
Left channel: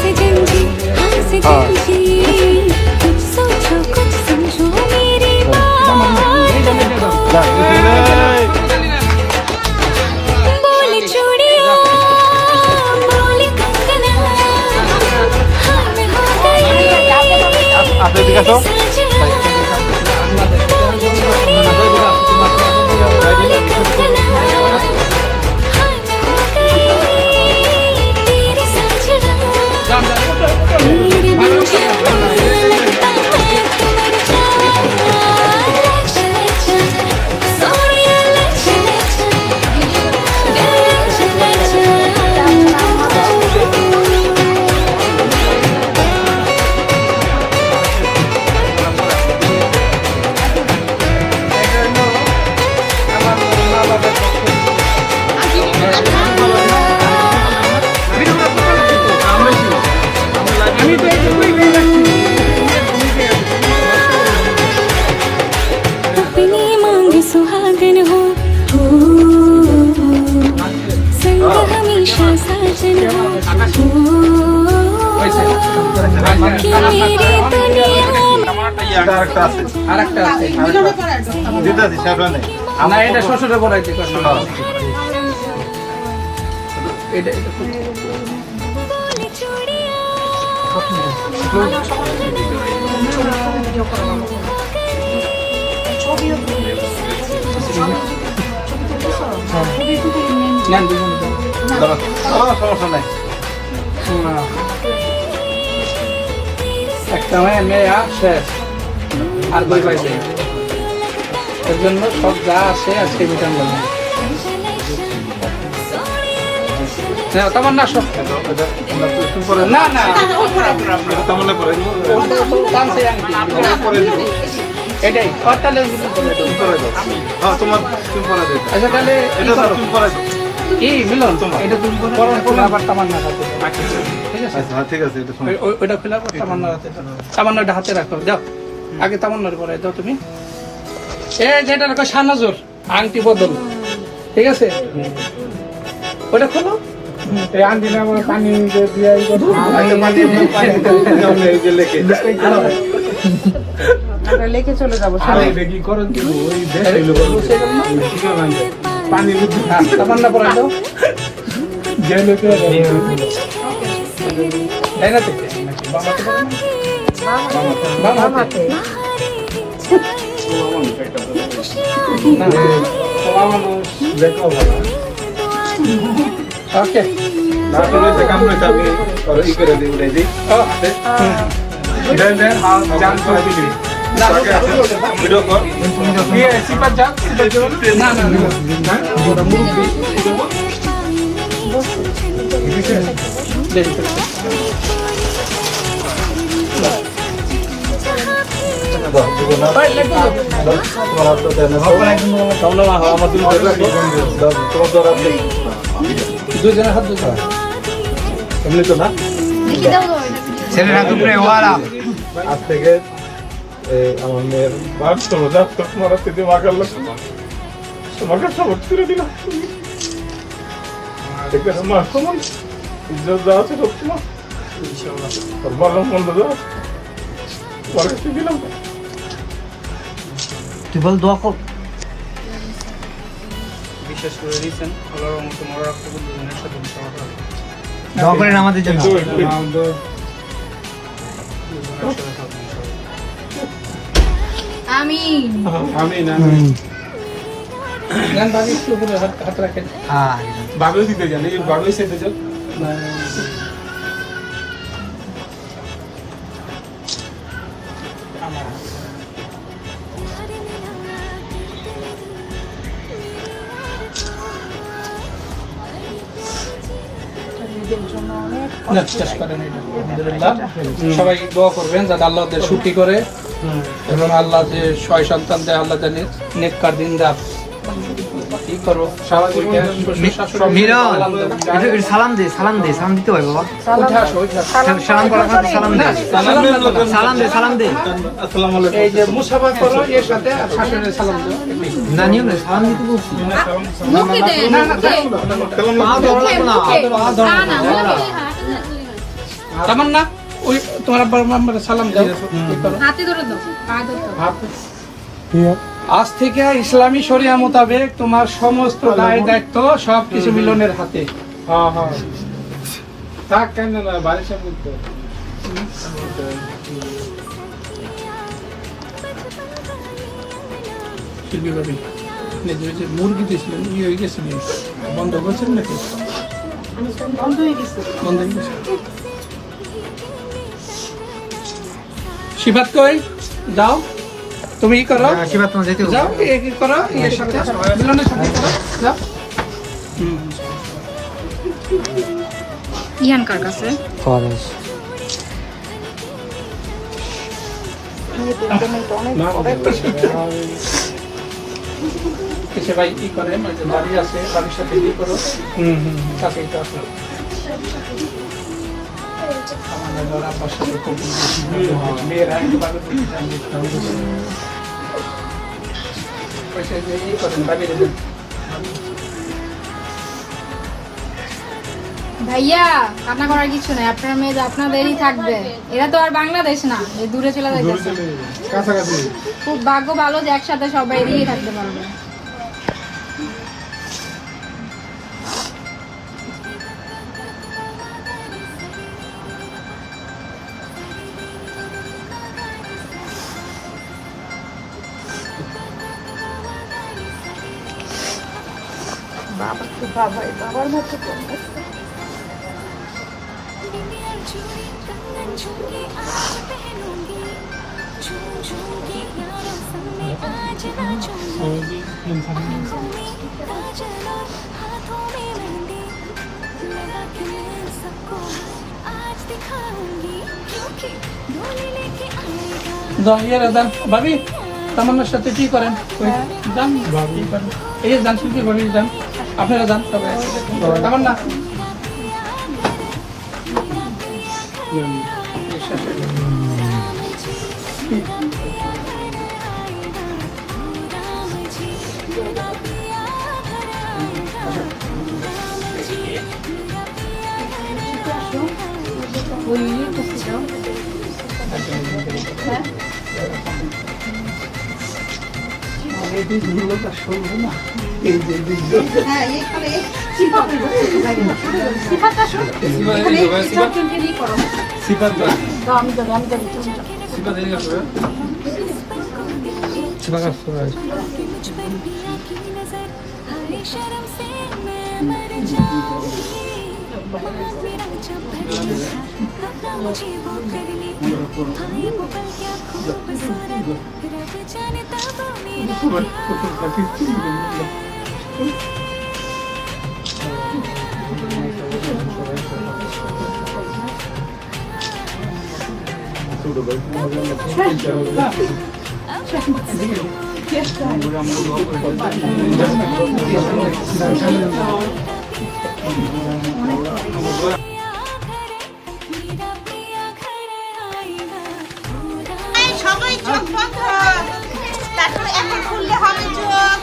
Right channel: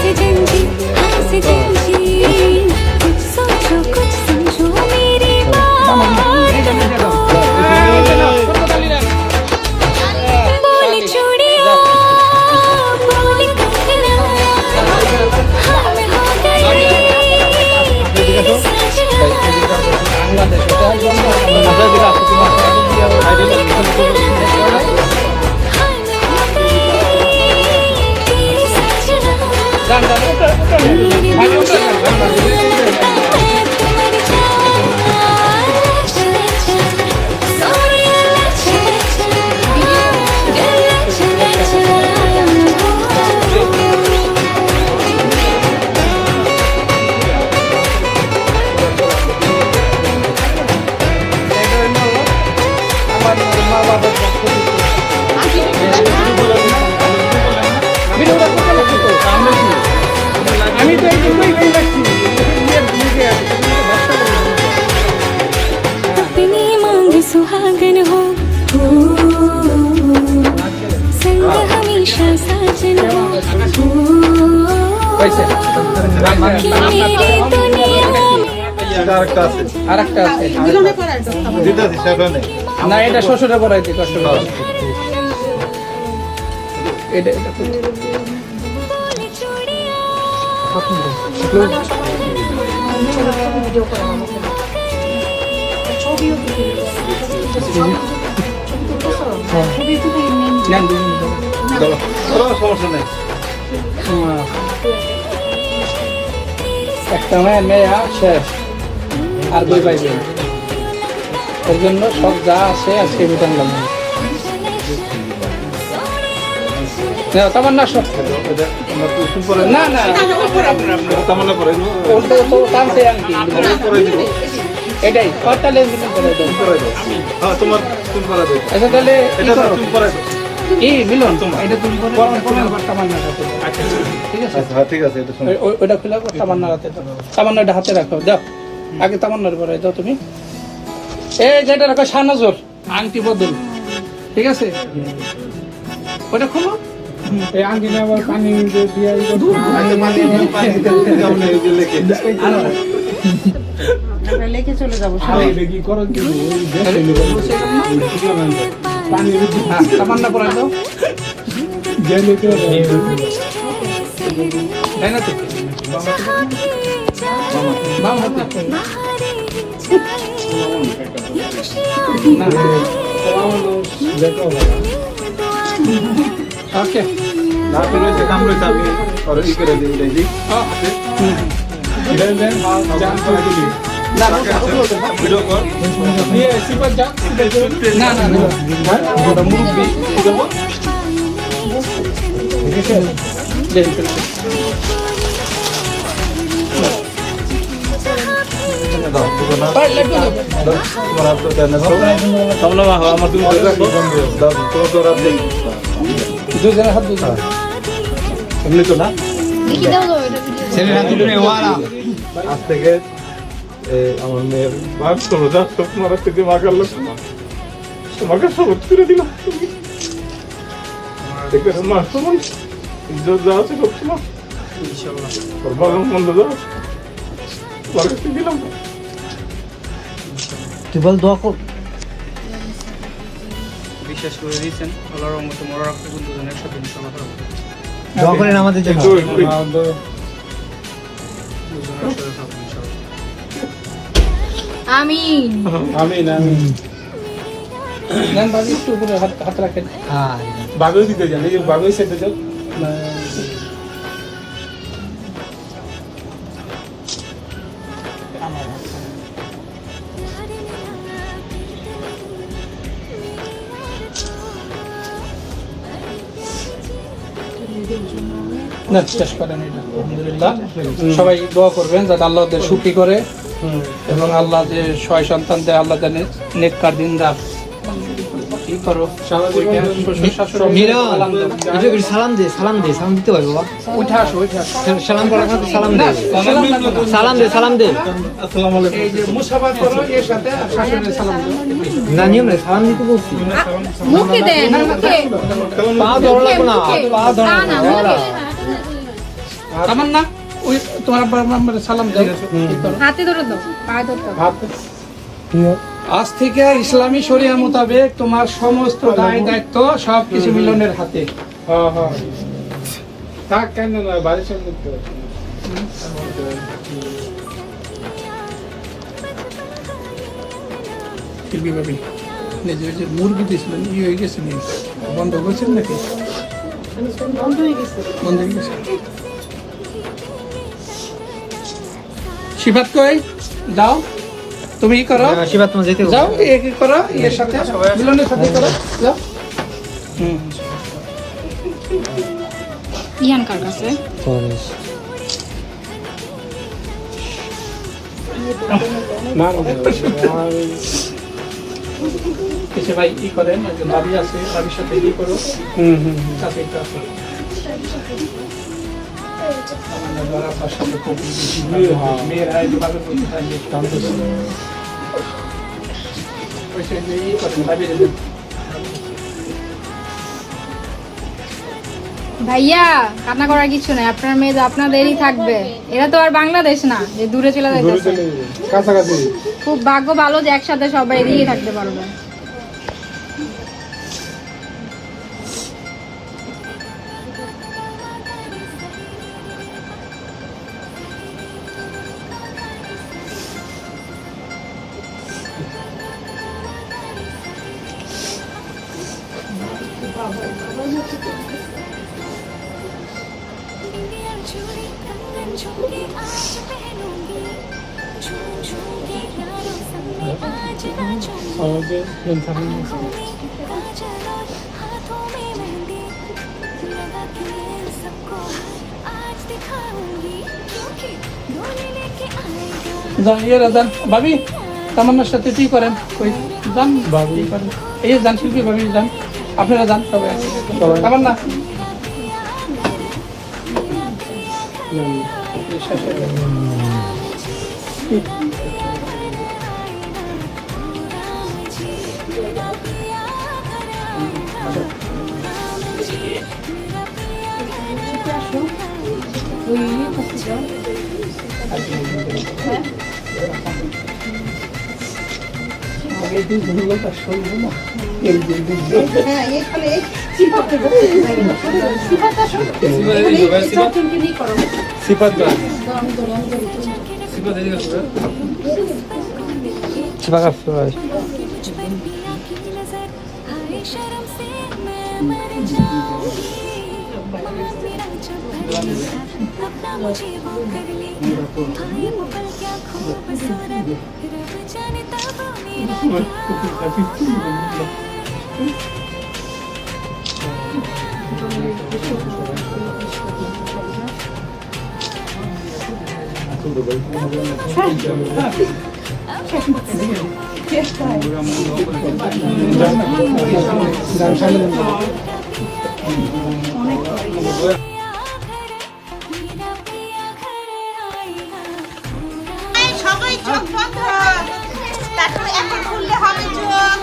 से जंजी हाँ से जंजी कुछ सोचो कुछ समझो मेरी बात को बोले चूड़िया बोले कंगना हाँ मैं हो गई तेरी साजना बोले चूड़िया बोले कंगना हाँ मैं हो गई तेरी साजना तेरे बिन जाने लगता है तो मर जावा चले चल सोनिया ले चले चल चले चल আমি তো এইটুকুই রাখছি अपनी मांग सुहागन हो संग हमेशा साजन हो कि मेरी दुनिया में আরেকটা আছে না এটা শ্বশুরে পড়াইছি এটা बोले चूड़िया बोले कंगना हो गई तेरी साजना নেন দুজন একটা মেয়ে শেষ আর দুই ভাই বোন। এর জন্য সব যা আছে আজকে রিটার্ন দেবো তোমার না সব না না এটাই তাহলে এই মিলন এটা তুমি আবার তামান্না হাতে ঠিক আছে ওইটা খুলে তামান্না হাতে তামান্নাটা হাতে রাখো যাও আগে তামান্নার পরে দাও তুমি এই যেটা রাখো সানাজোর আংটি বদল ঠিক আছে ওটা খোলো আংটি না পানি দিয়ে লেকে চলে যাবো পানি তামান্না পরে দাও তাই না থেকে বাম হাতে खुशियाँ दिखाए দেখো ওকে না থেকে যে কাম করতে আমি আর ই করে দিই উঠাই দিই দেন জান করে দিই না ভিডিও কল দিয়ে সিপার যা না না হ্যাঁ ওটা মুরব্বি দেব দুজনের হাত দুজনের এমনি তো না ছেলের হাত উপরে ওয়ালা আজ থেকে আমার মেয়ের বাপ চলো যা তোমার হাতে দিয়ে মাগার লোক তোমাকে সবক ছেড়ে দিলাম দেখবে তোমার তোমার ইজ্জত যা আছে করছিলাম তোর ভালো মন্দ যা তোমার কাছে দিলাম তুই বল দোয়া কর। বিশ্বাস করে দিয়েছেন আল্লাহর মতো মরা রাখতে দুজনের একসাথে দোয়া করেন আমাদের জন্য। আমিন আমি না আমি গান বাজি একটু উপরে হাত রাখেন হ্যাঁ বাবেও দিতে যান এই বাবেও সেটা যাও না শেষ করেন এটা আলহামদুলিল্লাহ সবাই দোয়া করবেন যাতে আল্লাহ ওদের সুখী করে এবং আল্লাহ যে ছয় সন্তান দেয় আল্লাহ দেয় নেককার দিন রাত কি করো মিরন একটু সালাম দে, সালাম দে, সালাম দিতে হয় বাবা। উঠে আসো উঠে আসো সালাম করার সাথে সালাম দে, সালাম দে, সালাম দে। আসসালামু আলাইকুম এই যে মুসাফা করো এর সাথে শাশুড়ির সালাম দিও না নিয়ম নেই, সালাম দিতে বলছি। মুখে দেন মুখে পা ধরা লাগবে না, পা ধরা না লাগবে না। আমার না ওই তোমার আব্বার মাম্মারে সালাম দাও কি করো হাতে ধরে দাও পা ধরতে আজ থেকে ইসলামী শরিয়া মোতাবেক তোমার সমস্ত দায় দায়িত্ব সবকিছু মিলনের হাতে হ্যাঁ হ্যাঁ থাক কেন না বাড়ির সাথে করতে শিল্পী ভাবি যে মুরগি দিয়েছিলেন ই হয়ে গেছে নি? বন্ধ করছেন নাকি বন্ধ হয়ে গেছে শিফাত কই যাও তুমি ই করো আশীর্বাদ তোমার যেতে হবে। যাও কি করো এর সাথে মিলনের সাথে করো যাও ইয়ান কার কাছে না কিছু ভাই কি করেন ওই যে বাড়ি আছে বাড়ির সাথে কি করো সাথে একটু আসো আমার বড় আব্বার সাথে খুব মেয়েরা একটু ভাবে বলতে চান যে ওইটা যে ই করেন ভাবি দেবেন ভাইয়া কান্না করার কিছু নাই, আপনার মেয়ে যে আপনাদেরই থাকবে। এটা তো আর বাংলাদেশ না যে দূরে চলে দূরে যাচ্ছে। চলে কাছাকাছি খুব ভাগ্য ভালো যে একসাথে সবাই এদিকেই থাকতে পারবে। चूड़ी कंगन झुमके आज पहनूंगी झूम झूम के यारों संग में आज नाचूंगी आँखों में काजल और हाथों में मेहंदी लगा के मैं सबको आज दिखाऊंगी क्योंकि डोली लेके आएगा ইয়েরা যান ভাবি তামান্নার সাথে কি করেন ওই যান ভাবি করেন এই যে যান শিল্পী ভাবি যান আপনারা যান সবাই তামান্না শিবা কাছে अगर पिया की नजर आए शर्म से मैं मर जाऊंगी मान मेरा जब भटकेगा अपना मुझे वो कर लेगा हाय वो पल क्या खूबसूरत रब जाने तब मेरा क्या সবাই চোখ বন্ধ তারপরে এখন খুললে হবে চোখ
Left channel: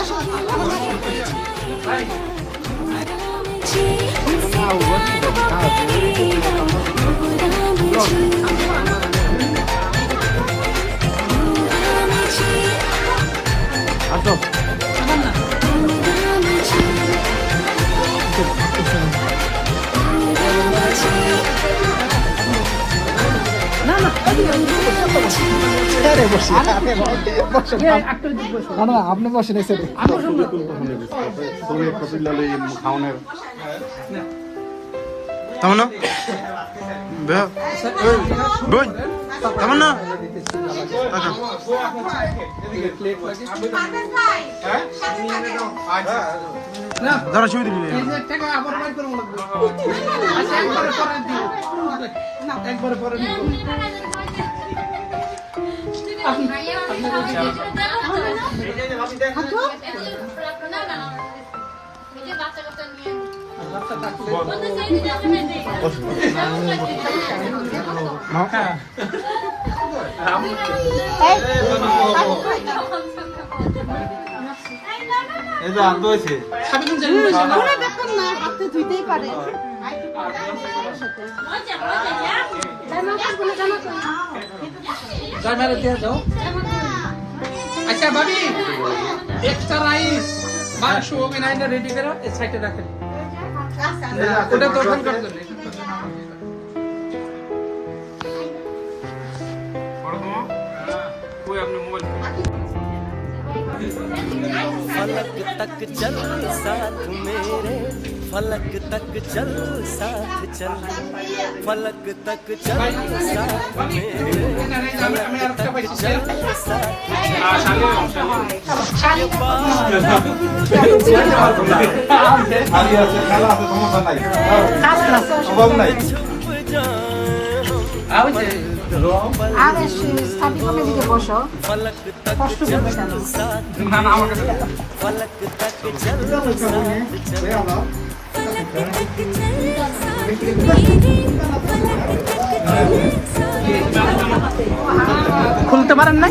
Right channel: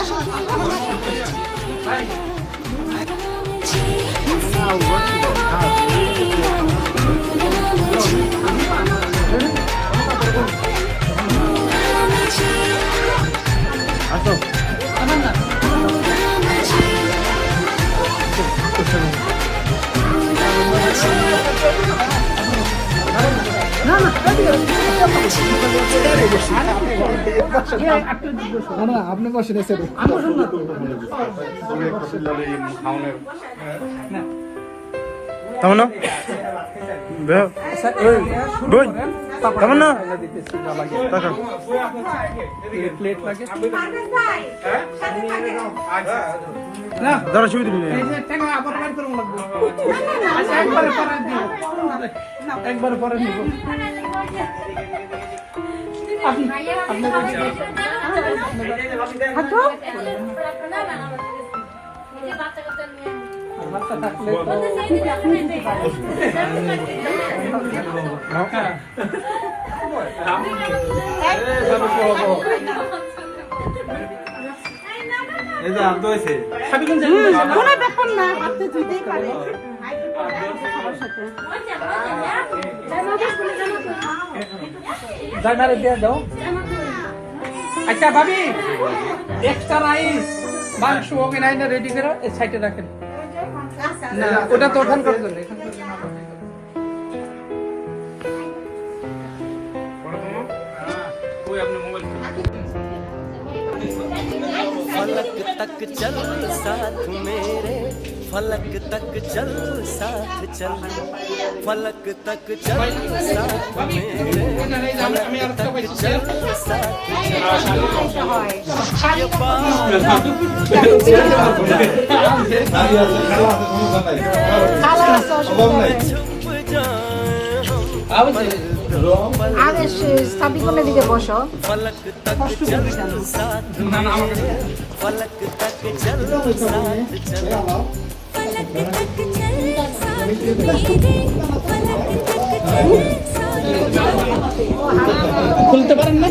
আসো जी हमसे प्यार वो करेगा राम जी আপনি বসে নিয়েছেন তামান্না বেহ এই বোন তামান্না টাকা দাঁড়া ছবি দিবি একবারে পরে আচ্ছা ভাবি এক্সট্রা রাইস মাংস ওভেন রেডি করে এই সাইডে রাখেন ওটা তো অন করে দেন फलक तक चल साथ मेरे फलक तक चल साथ चल फलक तक चल साथ मेरे फलक तक चल साथ चल ये बादल छुप जाए हम पल दो पल फलक तक चल साथ मेरे फलक तक चल साथ चल फलक तक चल साथ मेरे फलक तक चल साथ খুলতে পারেন না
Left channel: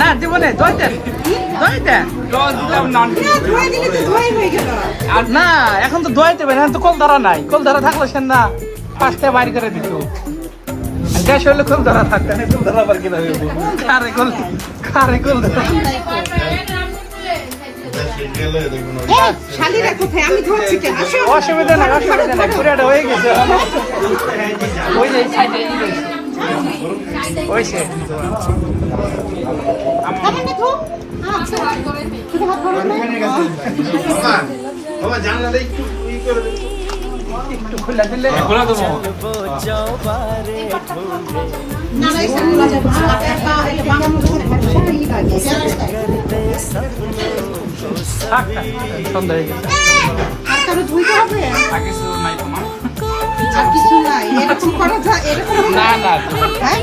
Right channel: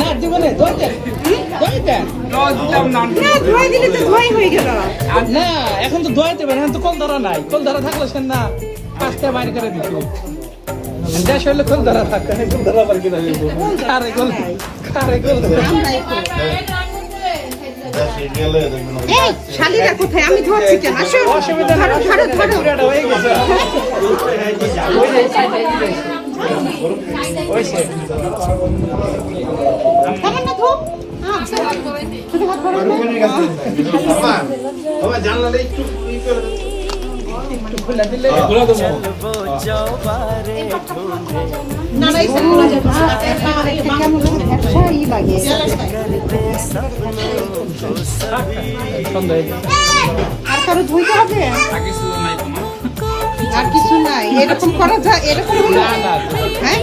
না জীবনে না এখন তো ধোয়াইতে হবে এখন তো কল ধারা নাই কল ধারা থাকলে সে না পাঁচটা বাইরে করে দিত গ্যাস হলে কল ধারা থাকতে কল ধারা আবার কিনা কারে কল শালিরা কোথায় আমি ধরছি কেন আসো অসুবিধা না হয়ে গেছে चल वो जाओ बारे ढूंढे सच कर दे सपनों को सभी আর কারো ধুইতে হবে আর কিছু নাই এরকম করা যায় এরকম হ্যাঁ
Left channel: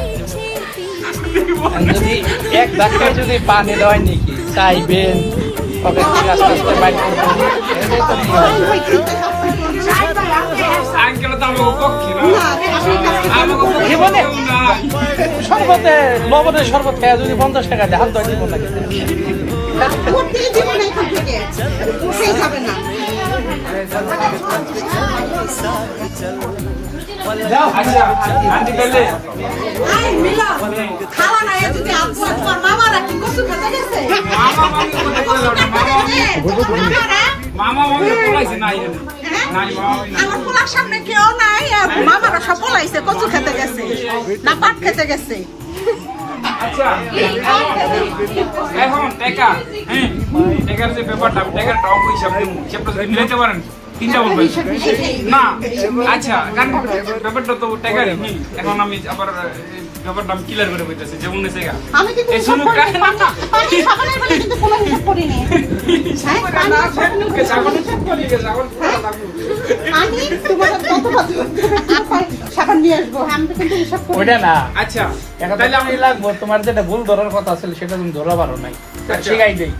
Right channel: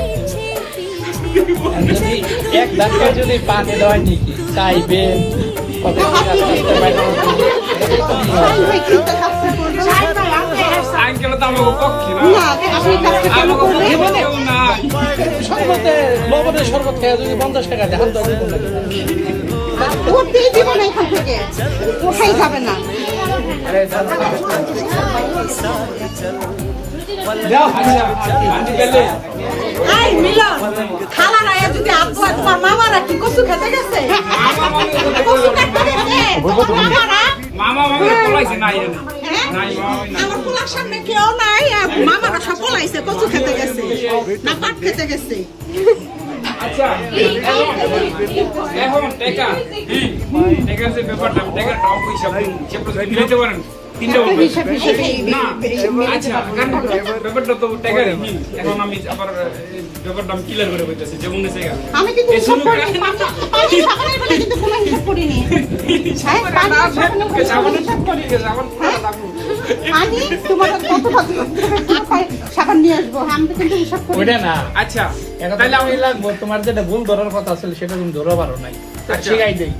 এক ধাক্কায় যদি পানি দেওয়া নাকি চাইবেন শরবত খেয়ে যদি 50 টাকা দেয় হাত ধরে দিব নাকি উঠতেই দিব না এখান থেকে উঠেই যাবে না साथ चल এই মিলন খালা না এদিকে আপু তোমার মামারা কি কচু খেতে গেছে মামা পলাইছে নাই নাই আমার পোলার সামনে কেউ নাই মামারা সব পলাইছে কচু খেতে গেছে না পাট খেতে গেছে আচ্ছা এখন টাকা টাকার যে ব্যাপারটা টাকার টক হিসাব দিতে পারেন তিনটা বলবেন না আচ্ছা গান ব্যাপারটা তো টাকারই এখন আমি আবার ব্যাপারটা আমি ক্লিয়ার করে বলতেছি যেমন আছে আমি কিন্তু সব পানি সাবানের বলে কিন্তু কোনো হিসাব করি না হ্যাঁ পানি আমি তোমার সাবান নিয়ে আসবো আমি কিন্তু হিসাব করি ওইটা না আচ্ছা তাহলে আমি লাগবো তোমার যেটা ভুল ধরার কথা ছিল সেটা তুমি ধরা পারো নাই শিখাই দেই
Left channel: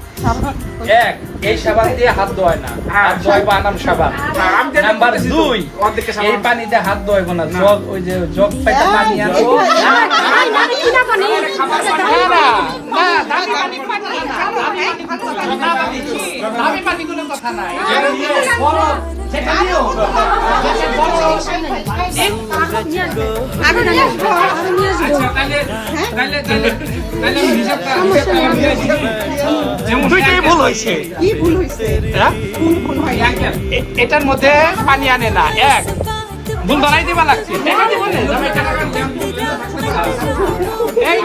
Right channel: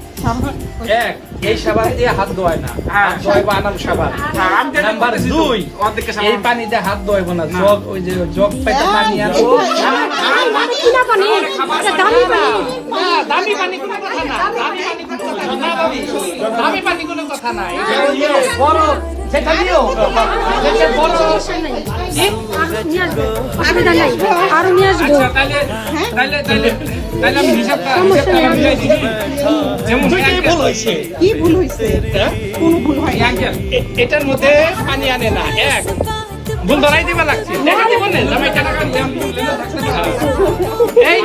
এক এই সাবান দিয়ে হাত ধোয় না হাত ধোয় বানাম সাবান নাম্বার 2 এই পানিতে হাত ধোয়ব না জগ ওই যে জগ পাইতে পানি আনবো কিনা পানি না দামি পানি দামি পানি কোনো কথা নাই বড় সেটা নিও আমি নিয়ে আসবো আচ্ছা তাহলে আমি হিসাবটা যেমন ভুল হয়েছে কি ভুল হয়েছে কোন ভুল হয় এটার মধ্যে পানি আনে না এক ভুল ধরাই দিবা লাগছে এই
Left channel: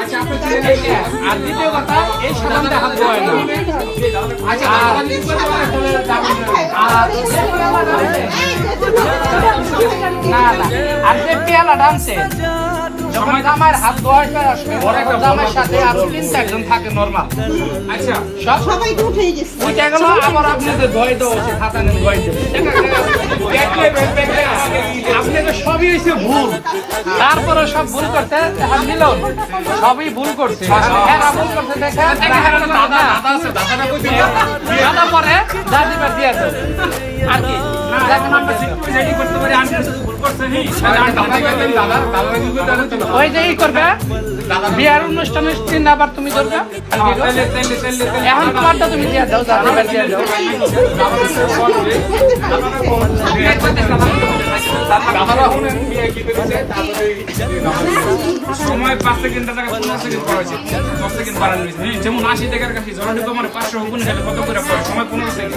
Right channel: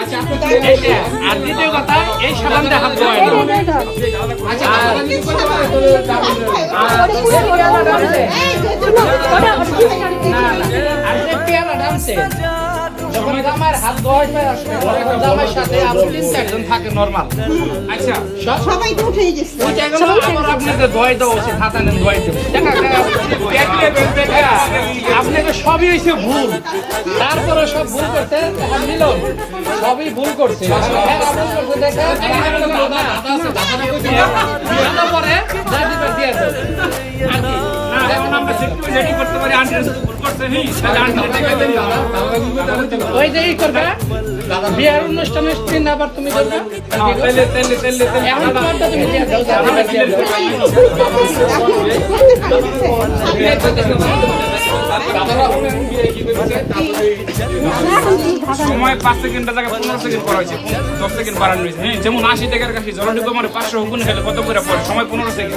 আর দ্বিতীয় কথা এই সাবান দিয়ে হাত ধোয় না আর যে পেয়ালাটা আছে আমার হাত ধোয়ার সাথে আপনি 3-4 থাকে নরমাল আচ্ছা সবাই তো উঠে গেছে ওইটা গেল আবার আপনি যে ধোয় দাও সে হাতে ধোয় দেবে আপনাকে সবই হয়েছে ভুল তারপরে সব ভুল করতে নিল সবই ভুল করছে পরে দিয়ে করতে পারি ওই যে করবে বিয়ার অনুষ্ঠানের দিন আবার তুমি করবে এখন তোমারটা তুমি দিয়ে দাও সময় 5 সেকেন্ড টাকা 15 সেকেন্ড করা হয়েছে 10 সেকেন্ড বাড়ানো হয়েছে হ্যাঁ যেমন 80 টাকার কাছে জলডিপো মানে 500 গুণ হলে কত করে পড়ে সময় 15 সেকেন্ড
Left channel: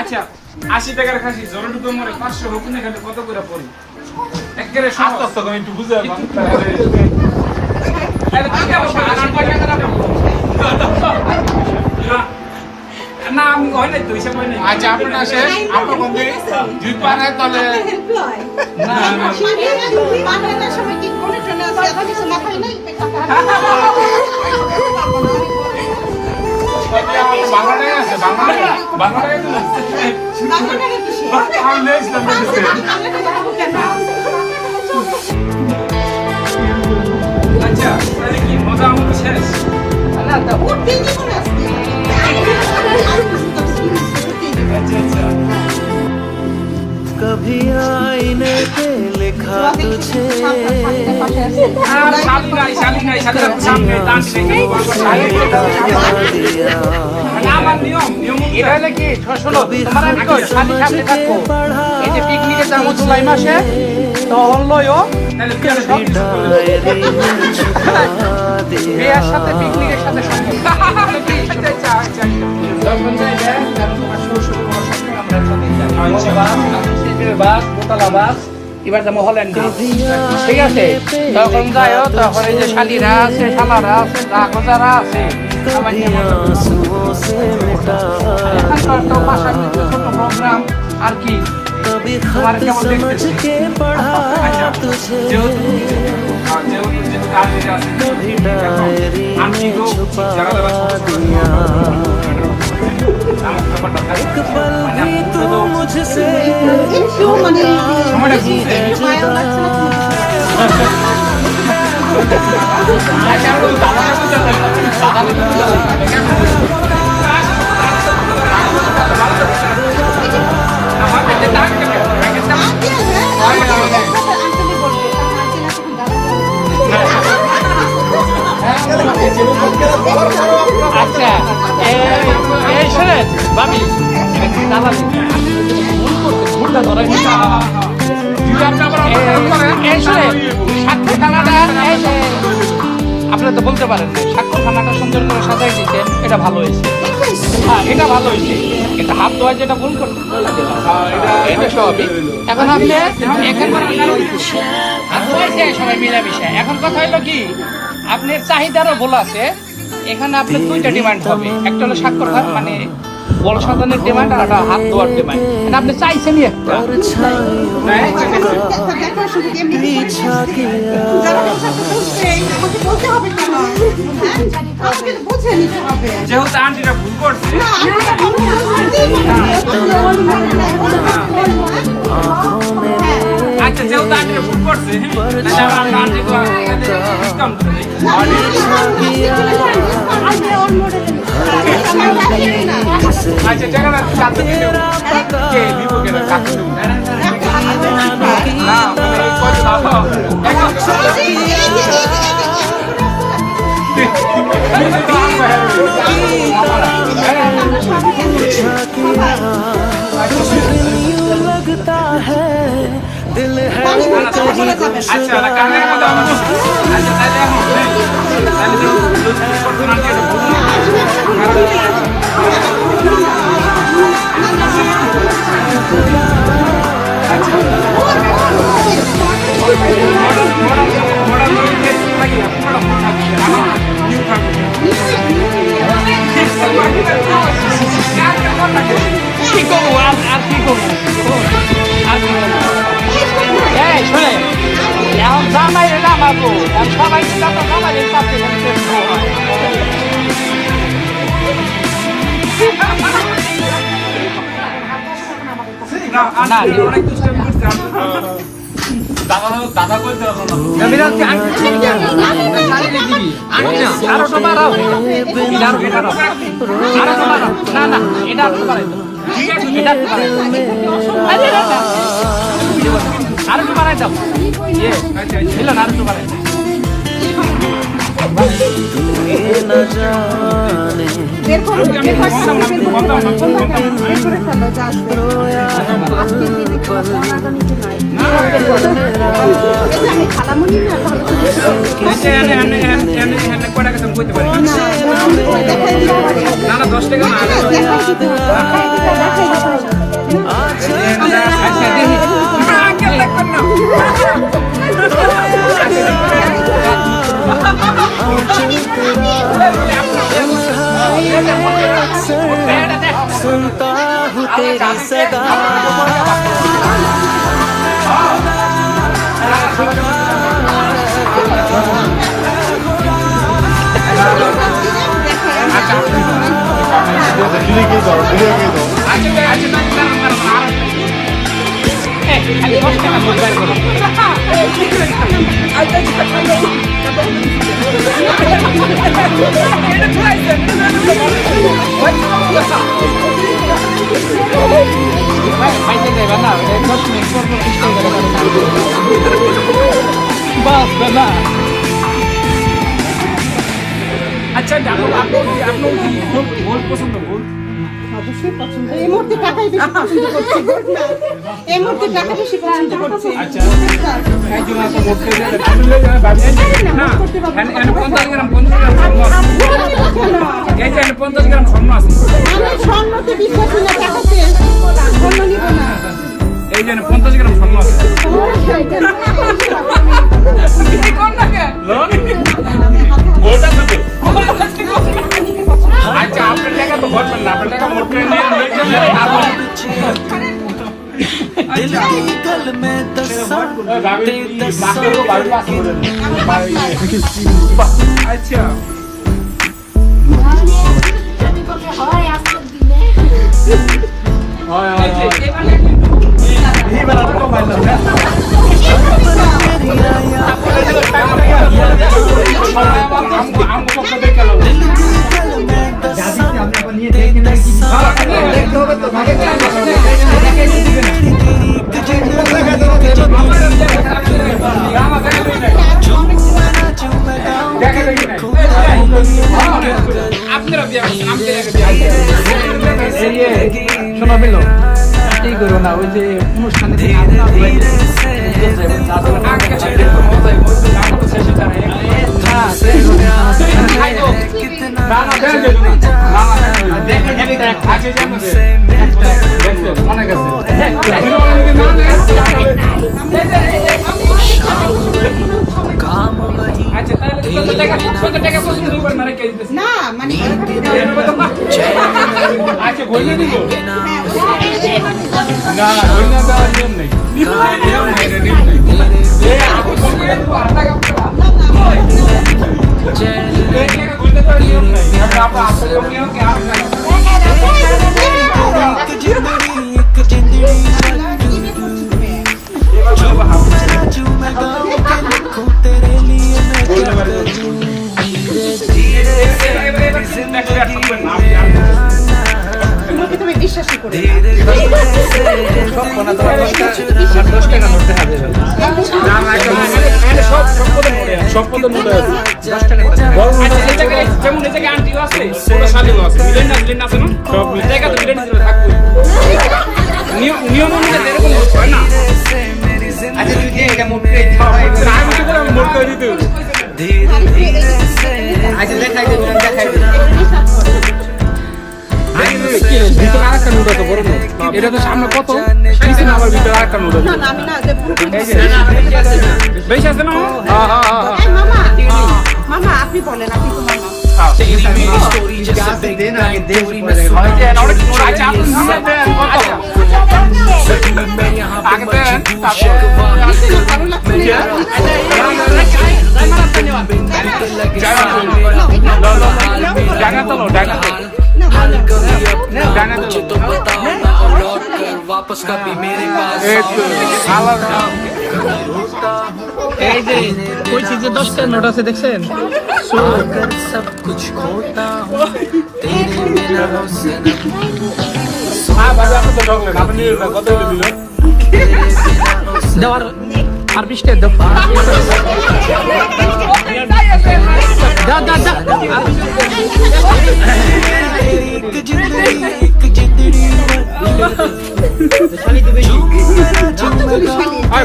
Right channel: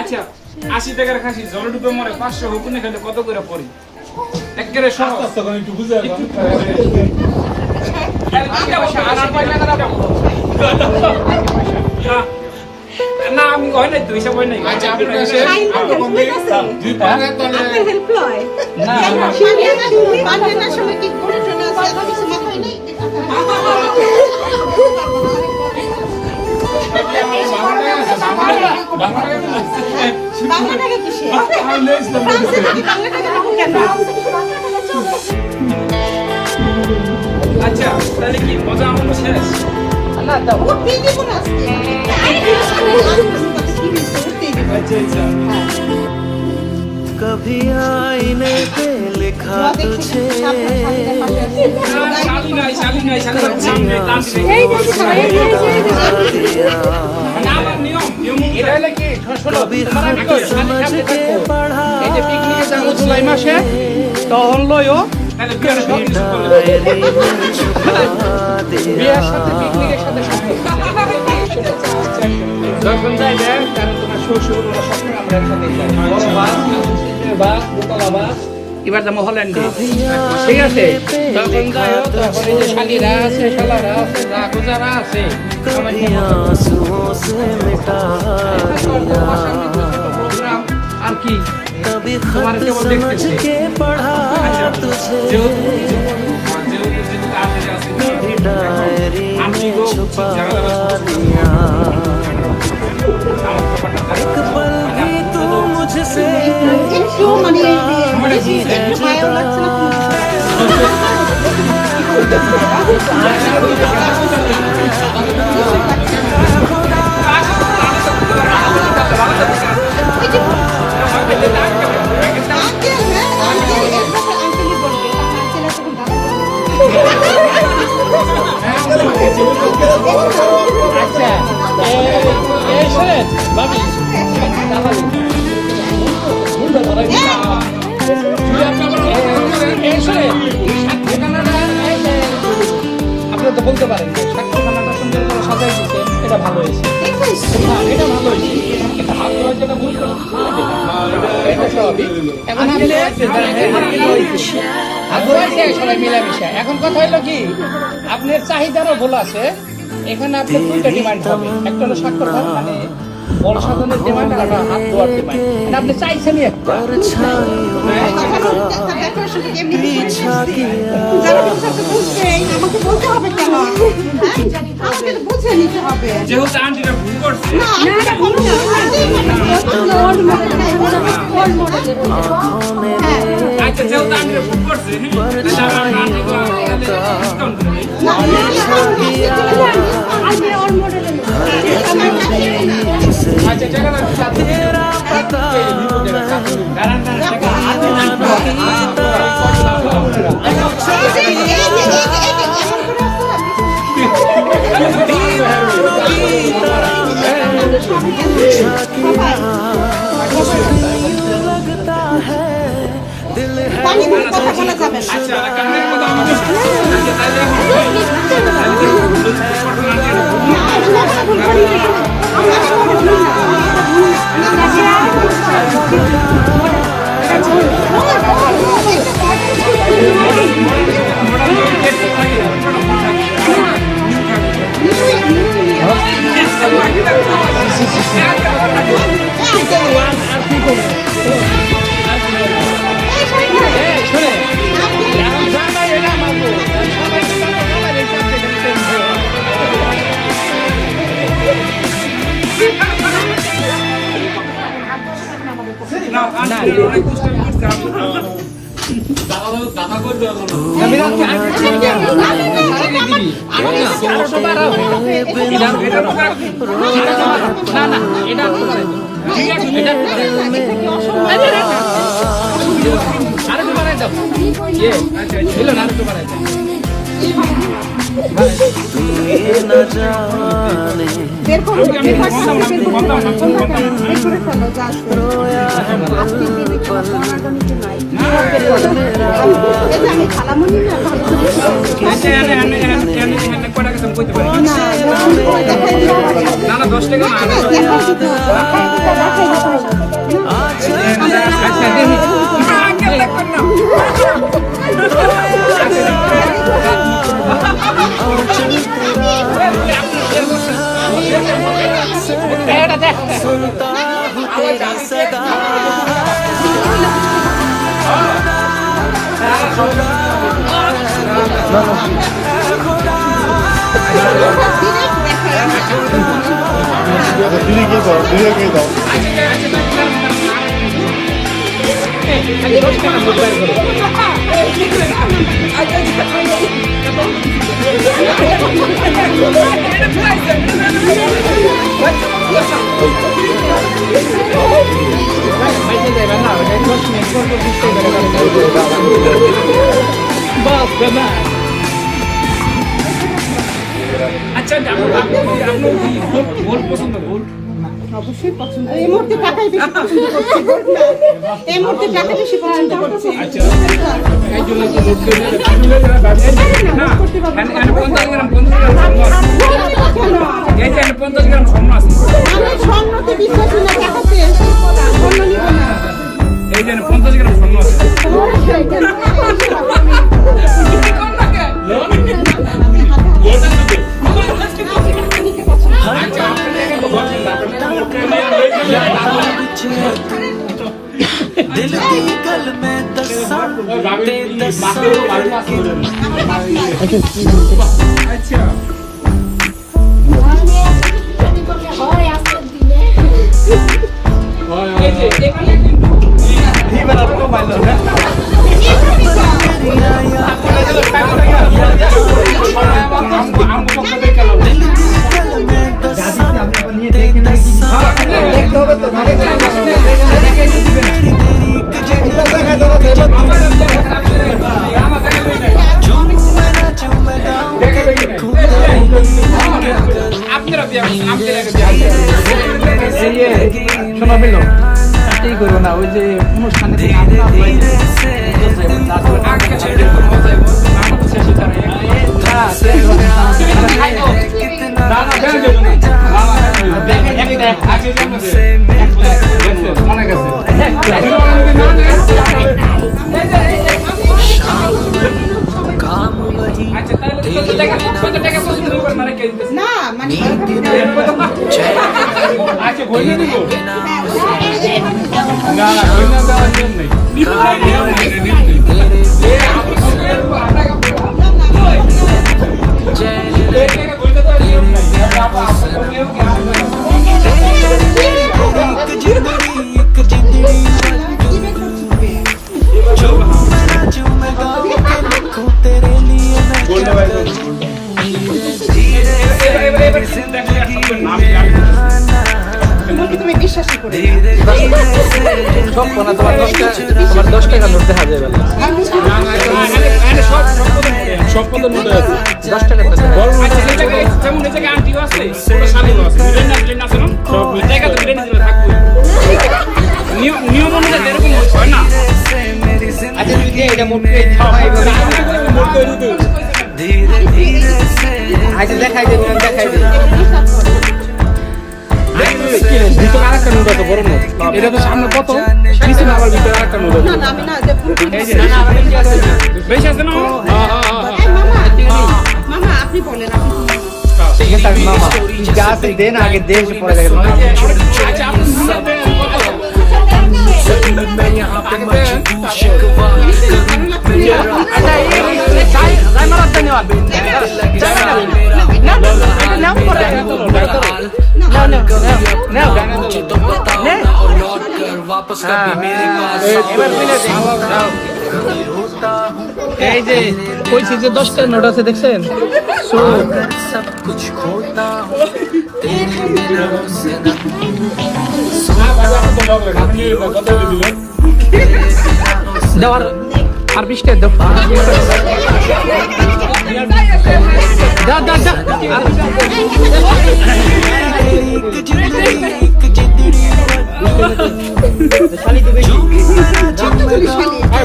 আচ্ছা 80 টাকার খাসি জলডিপো মানে 500 গুণ হলে কত করে পড়ে একেবারে সহজ একটু বুঝে না আমি হয় নাই তো হিসাব হয় নাই আচ্ছা আপনার কাছে আপনার বন্ধু দুই পারে তাহলে না বাংলার সময় কি করে চলে আসে এখন কিছু মাথায় নেই আচ্ছা তাহলে কি মজা আমাদের শেষ না দাও ও তিন দিন করে আসছে अच्छा कभी आईने पे लिखा तुझे शाली नहीं सामने डांस दिया कभी खत समझ के पढ़ा তখন লয়ও डायरी में छुपा दिया বিয়ের সাথে পিকনিকের সাথে এবার যাবো হল্যান্ডে ঠিক আছে তখন যাও তখন এই যে শালিরা আছে শালারা আছে রাগজারা আছে कभी आंसुओं से मिटा दिया আর কি कभी खत समझ के पढ़ा तुझे कभी डायरी में छुपा दिया एक पल भी तू मुझसे नहीं है जुदा আপনি তো বলতে পারেন সাক্ষ্যখানাটা সুন্দর করে সাজাই দিচ্ছেন, এটা ভালো হয়েছে। হ্যাঁ, এটা ভালো হয়েছে। হাত ধোয়া যেটা ভুল করে এটা সবই। এখন আপনি হাত ধোয়াছে সবাই মিলামিশা। এখন কথা হলো কি, আপনার চাহিদারও ভুল আছে। এখানে আপনার দুইটা ডিমান্ড হবে, একটা হলো স্বাক্ষর মানে বল সাজানোর ডিমান্ড, আর একটা হাত ধোয়ার ডিমান্ড। আপনি চাইছেন আমাকে বলতে হবে কেন? আমাকে তো বুঝে নিতে হবে। যেহেতু আন্টিটা ভুল করছে, আচ্ছা যেহেতু আন্টিটা ভুল করছে, तेरा पता दीवानों की तरह पूछा किया, दीवानों की तरह मैं पूछा किया, दिल यूं लगता है दिल है कहीं गुमशुदा। অনেক দুষ্টামি করছে। দাদা বলতে तू ये न जाने रोया है पल पल मेरा না 10 টাকা सुनता हूँ तेरी सदा। আচ্ছা গোল পছন্দ? গোল অবশ্যই পছন্দ। এই মুহূর্তে টাকাই বেশি পছন্দ করছি। এই মুহূর্তে টাকা বেশি পছন্দ করছি। আচ্ছা একজন আছে মোট করে না 50 গ্রাম 50 গ্রাম স্বর্ণ আছে। আমি স্বর্ণতে বিশ্বাসী না, টাকাতে স্বর্ণ নিব না। এই যে 50 গ্রাম স্বর্ণ আছে। লোন গোটা না আচ্ছা আপনি টাকা তো বলবেন না, আপনি টাকা মোট করে दिल की गल में दसा ते दसा আচ্ছা আপনারা বিয়া করছেন, আমাদের আগে বিয়া করছেন। শোনা পেল এই করো না ওই যে অনুষ্ঠানে যে নাচ না হয়, আগে ছেড়ে তো মজাই করছে, না তো শেষে জানাই। আচ্ছা তাহলে কত টাকা পর্যন্ত দিবেন না রেখে দিতেছেন? না মানে আচ্ছা বলে দিব। না না ওই না দেওয়ার নিয়ম নেই। তুমি বিশ্বাসই করো সব কোনা তোমার 10 টাকা নোট দেখা যাবে না। সব পদ নোট আছে 10 টাকা বড় নোট যেমন এই জায়গায় আন্টিও আছে, ছোট শালিও আছে, মিলেন না আছে না? সব জায়গা তো মিলেন দিলে থাকবে। নিয়ম অনুযায়ী এরকম হয় না। আচ্ছা তুমি যে এটা মোট করে খাওয়াই বলে আমি তো বললাম মোট করে দিতে। আচ্ছা দেখাই দে, তুমি দেখাই দে। ভিতরে আরেকটা নোট আছে বড় নোট। এটা তো সামনে কত নিচে না আবার ভিতরে আরেকটা নোট আছে। না না আমি না যে ভুল এই যে বেশি আছে না? হ্যাঁ হ্যাঁ হ্যাঁ মামা মামা আপনি বলেন আপনি দেন আগে দেশ मैं यहाँ पे मजबूर शिकवा बीतने लगे साल मेरा बुरा हाल, मेरा वो बुरा हाल। हाल कभी अपना मुझे तो बताओ ना, और लौट कर वापस कभी मेरे पास आओ ना। कभी रोता हूँ এই যে কইছি যে 10 টাকা নোট আছে দেখছেন? आकर सब कुछ खोता हूँ तेरे बिना हो सनम। দেওয়ার আর 20 টাকা দাও। যা যা যা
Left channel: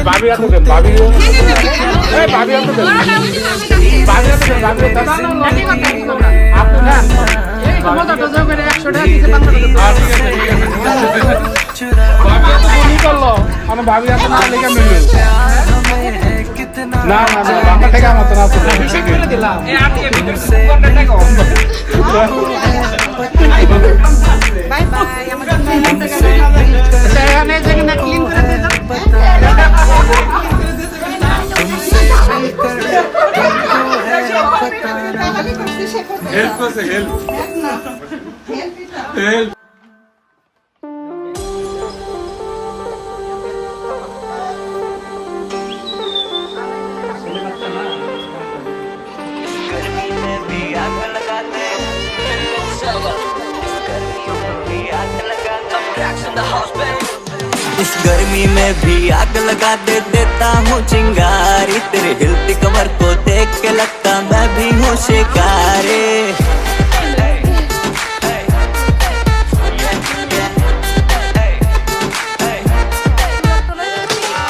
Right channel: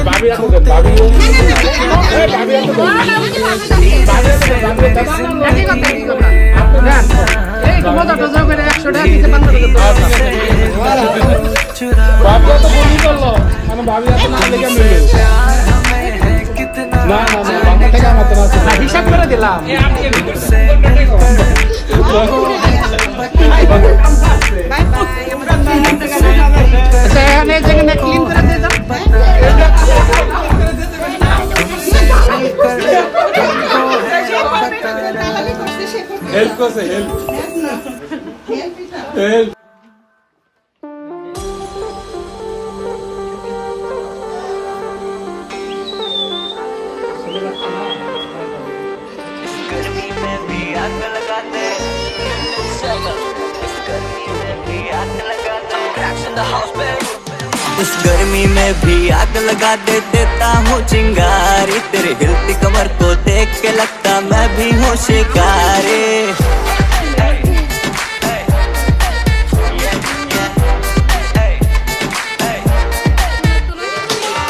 ভাবি আপনি ভাবি ভাবি হেল্প করছে হেল্প হেল্প गर्मी में भी आग लगाते, इस गर्मी में भी आग लगाते, इस गर्मी में भी आग लगा देता हूँ चिंगारी। तेरे हिलती कमर को देख के लगता मैं भी हूँ शिकारी।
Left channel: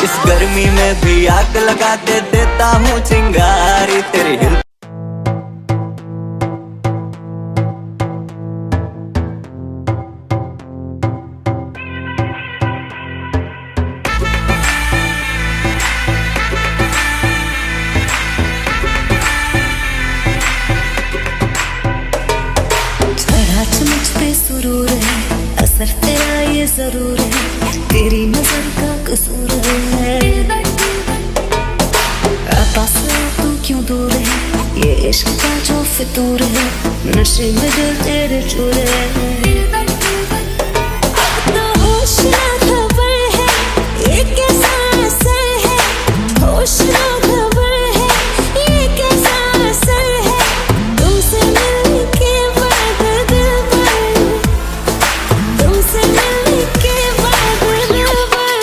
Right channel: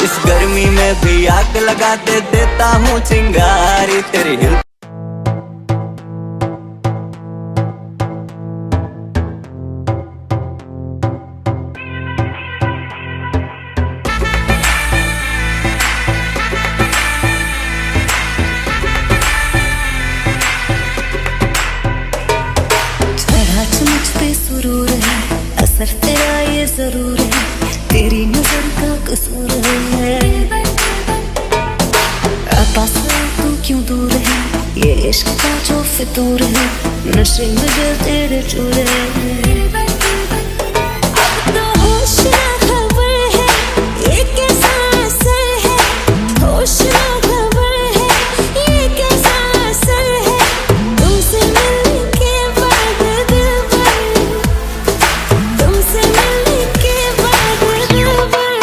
इस गर्मी में भी आग लगा देता हूँ चिंगारी। तेरे हिल मुझ पे सुरूर है, असर तेरा ये जरूर है, तेरी नजर का कसूर है। पास तू क्यों दूर है, ये इश्क का जो फितूर है, नशे में दिल तेरे चूर है। अब तो होश ना खबर है, ये कैसा असर है, होश ना खबर है, ये कैसा असर है, तुमसे मिलने के बाद दिल भर, तुमसे मिलने के बाद दिल भर।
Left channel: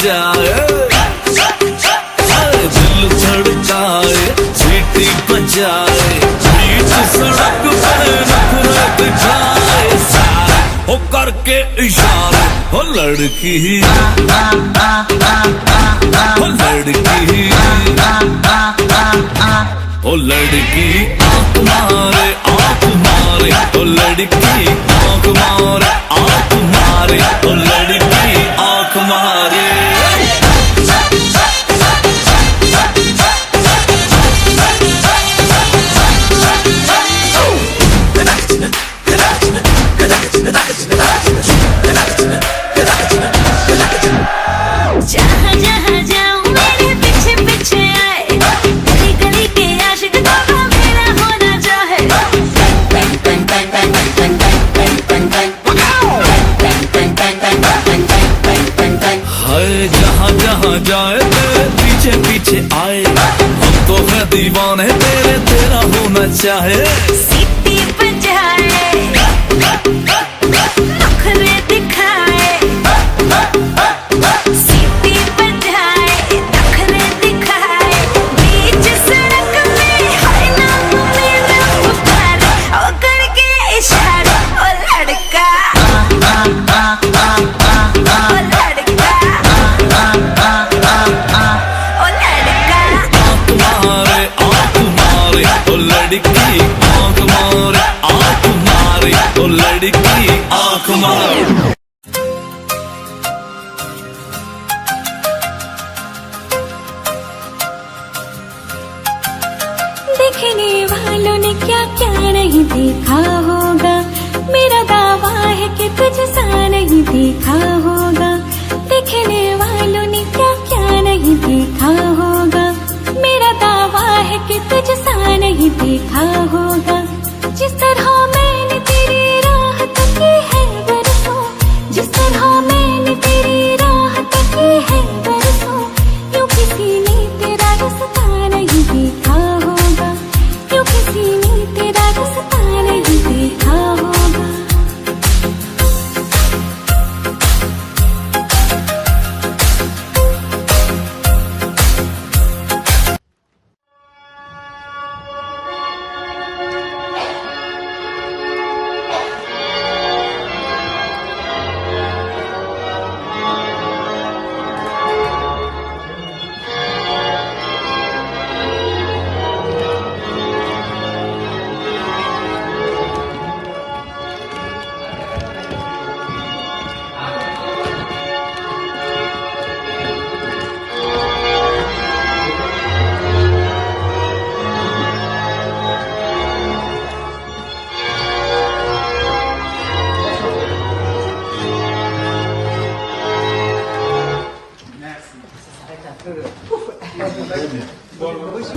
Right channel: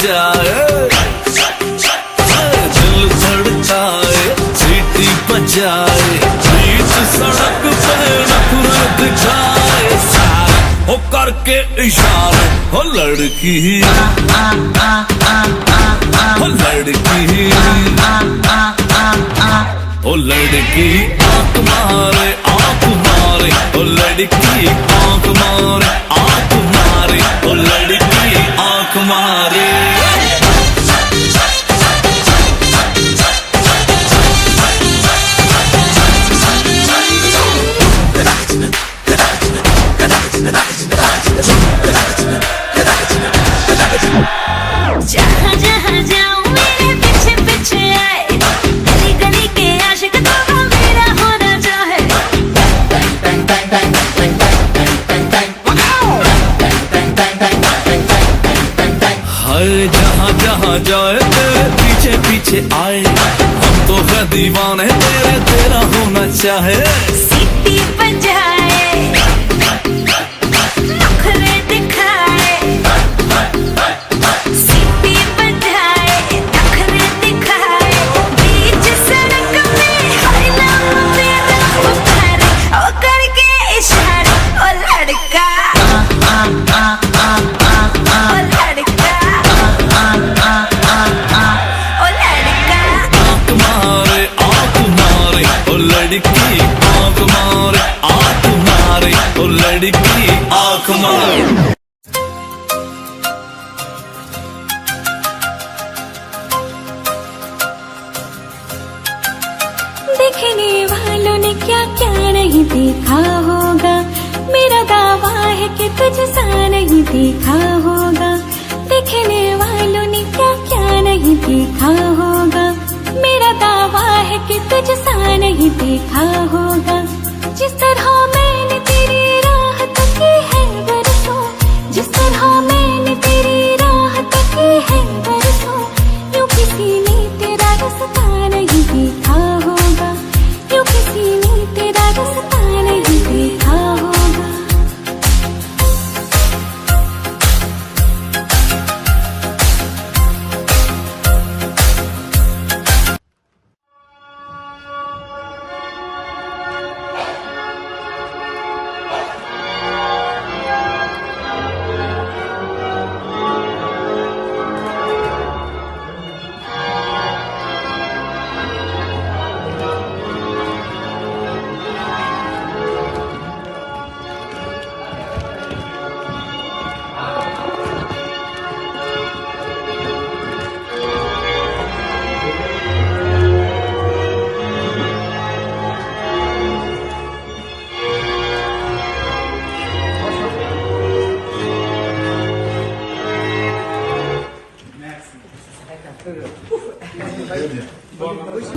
बजाए, दिल धड़काए, सीटी बजाए, बीच सड़क पे नखरे दिखाए, सारे हो करके इशारे, हो लड़की हो लड़की ओ लड़की आंख मारे आंख मारे, ओ लड़की आंख मारे आंख मारे, ओ लड़की आंख मारे। जहाँ जहाँ जाऊँ मेरे पीछे पीछे आए, गली गली के आशिक तो मेरा होना चाहे। हाय जहाँ जहाँ जाए तेरे पीछे पीछे आए, हम तो है दीवाने तेरे, तेरा होना चाहे। सीटी बजाए, नखरे दिखाए, सीटी बजाए, नखरे दिखाए, बीच सड़क में हाय नाम मेरा पुकारे, ओ करके इशारे, ओ लड़का ओ लड़का ओ लड़का। आंख मारे आंख मारे, ओ लड़की आंख मारे आंख मारे, ओ लड़की आंख मारे। देखने वालों ने क्या क्या नहीं देखा होगा, मेरा दावा है कि तुझसा नहीं देखा होगा। देखने वालों ने क्या क्या नहीं देखा होगा, मेरा दावा है कि तुझसा नहीं देखा होगा। जिस तरह मैंने तेरी राह तकी है बरसों, जिस तरह मैंने तेरी राह तकी है बरसों, यूं किसी ने तेरा रास्ता नहीं देखा होगा, यूं किसी ने तेरा रास्ता नहीं देखा होगा।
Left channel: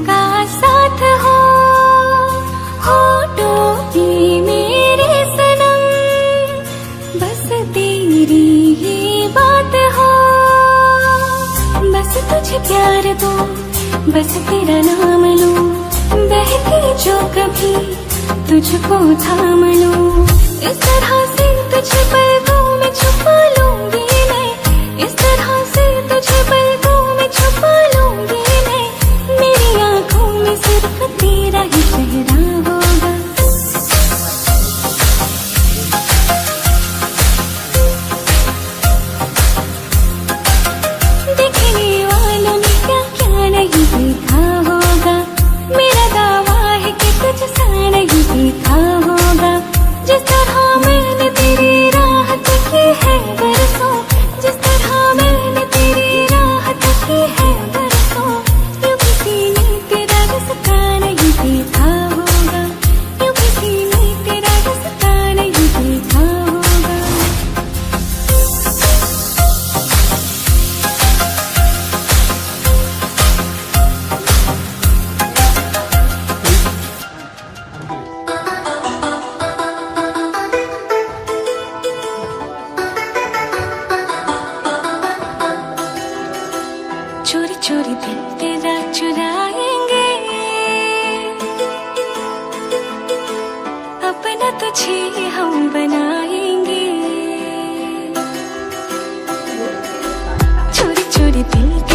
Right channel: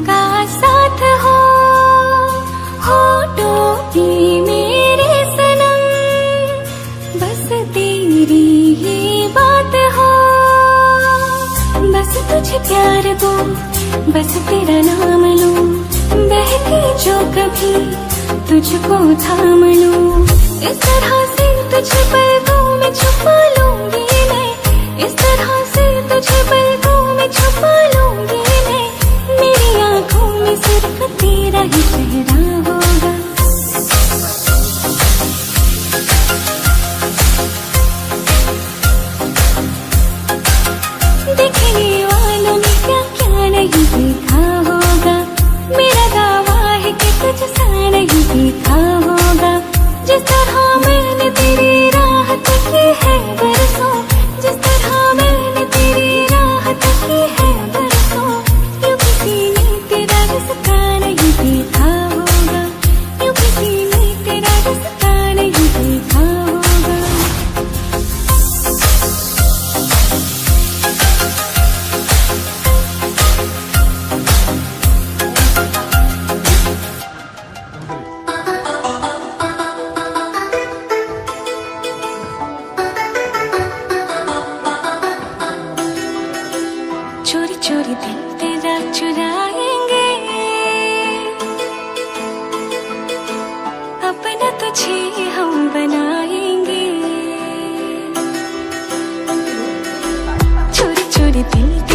का साथ हो टोपी मेरे सनम, बस तेरी ही बात हो, बस तुझे प्यार दो, बस तेरा नाम लूं, बहके जो कभी तुझको थाम लूं। इस तरह से तुझे पलकों में छुपा लूंगी मैं, इस तरह से तुझे पलकों में छुपा लूंगी मैं, मेरी आंखों में सिर्फ तेरा ही चेहरा होगा। देखने वालों ने क्या क्या नहीं देखा होगा, मेरा दावा है कि तुझसा नहीं देखा होगा। जिस तरह मैंने तेरी राह तकी है बरसों, जिस तरह मैंने तेरी राह तकी है बरसों, यूं किसी ने तेरा रास्ता नहीं देखा होगा, यूं किसी ने तेरा रास्ता नहीं देखा होगा। चोरी चोरी दिल तेरा चुराएंगे, अपना तुझे हम बनाएंगे। चोरी चोरी दिल के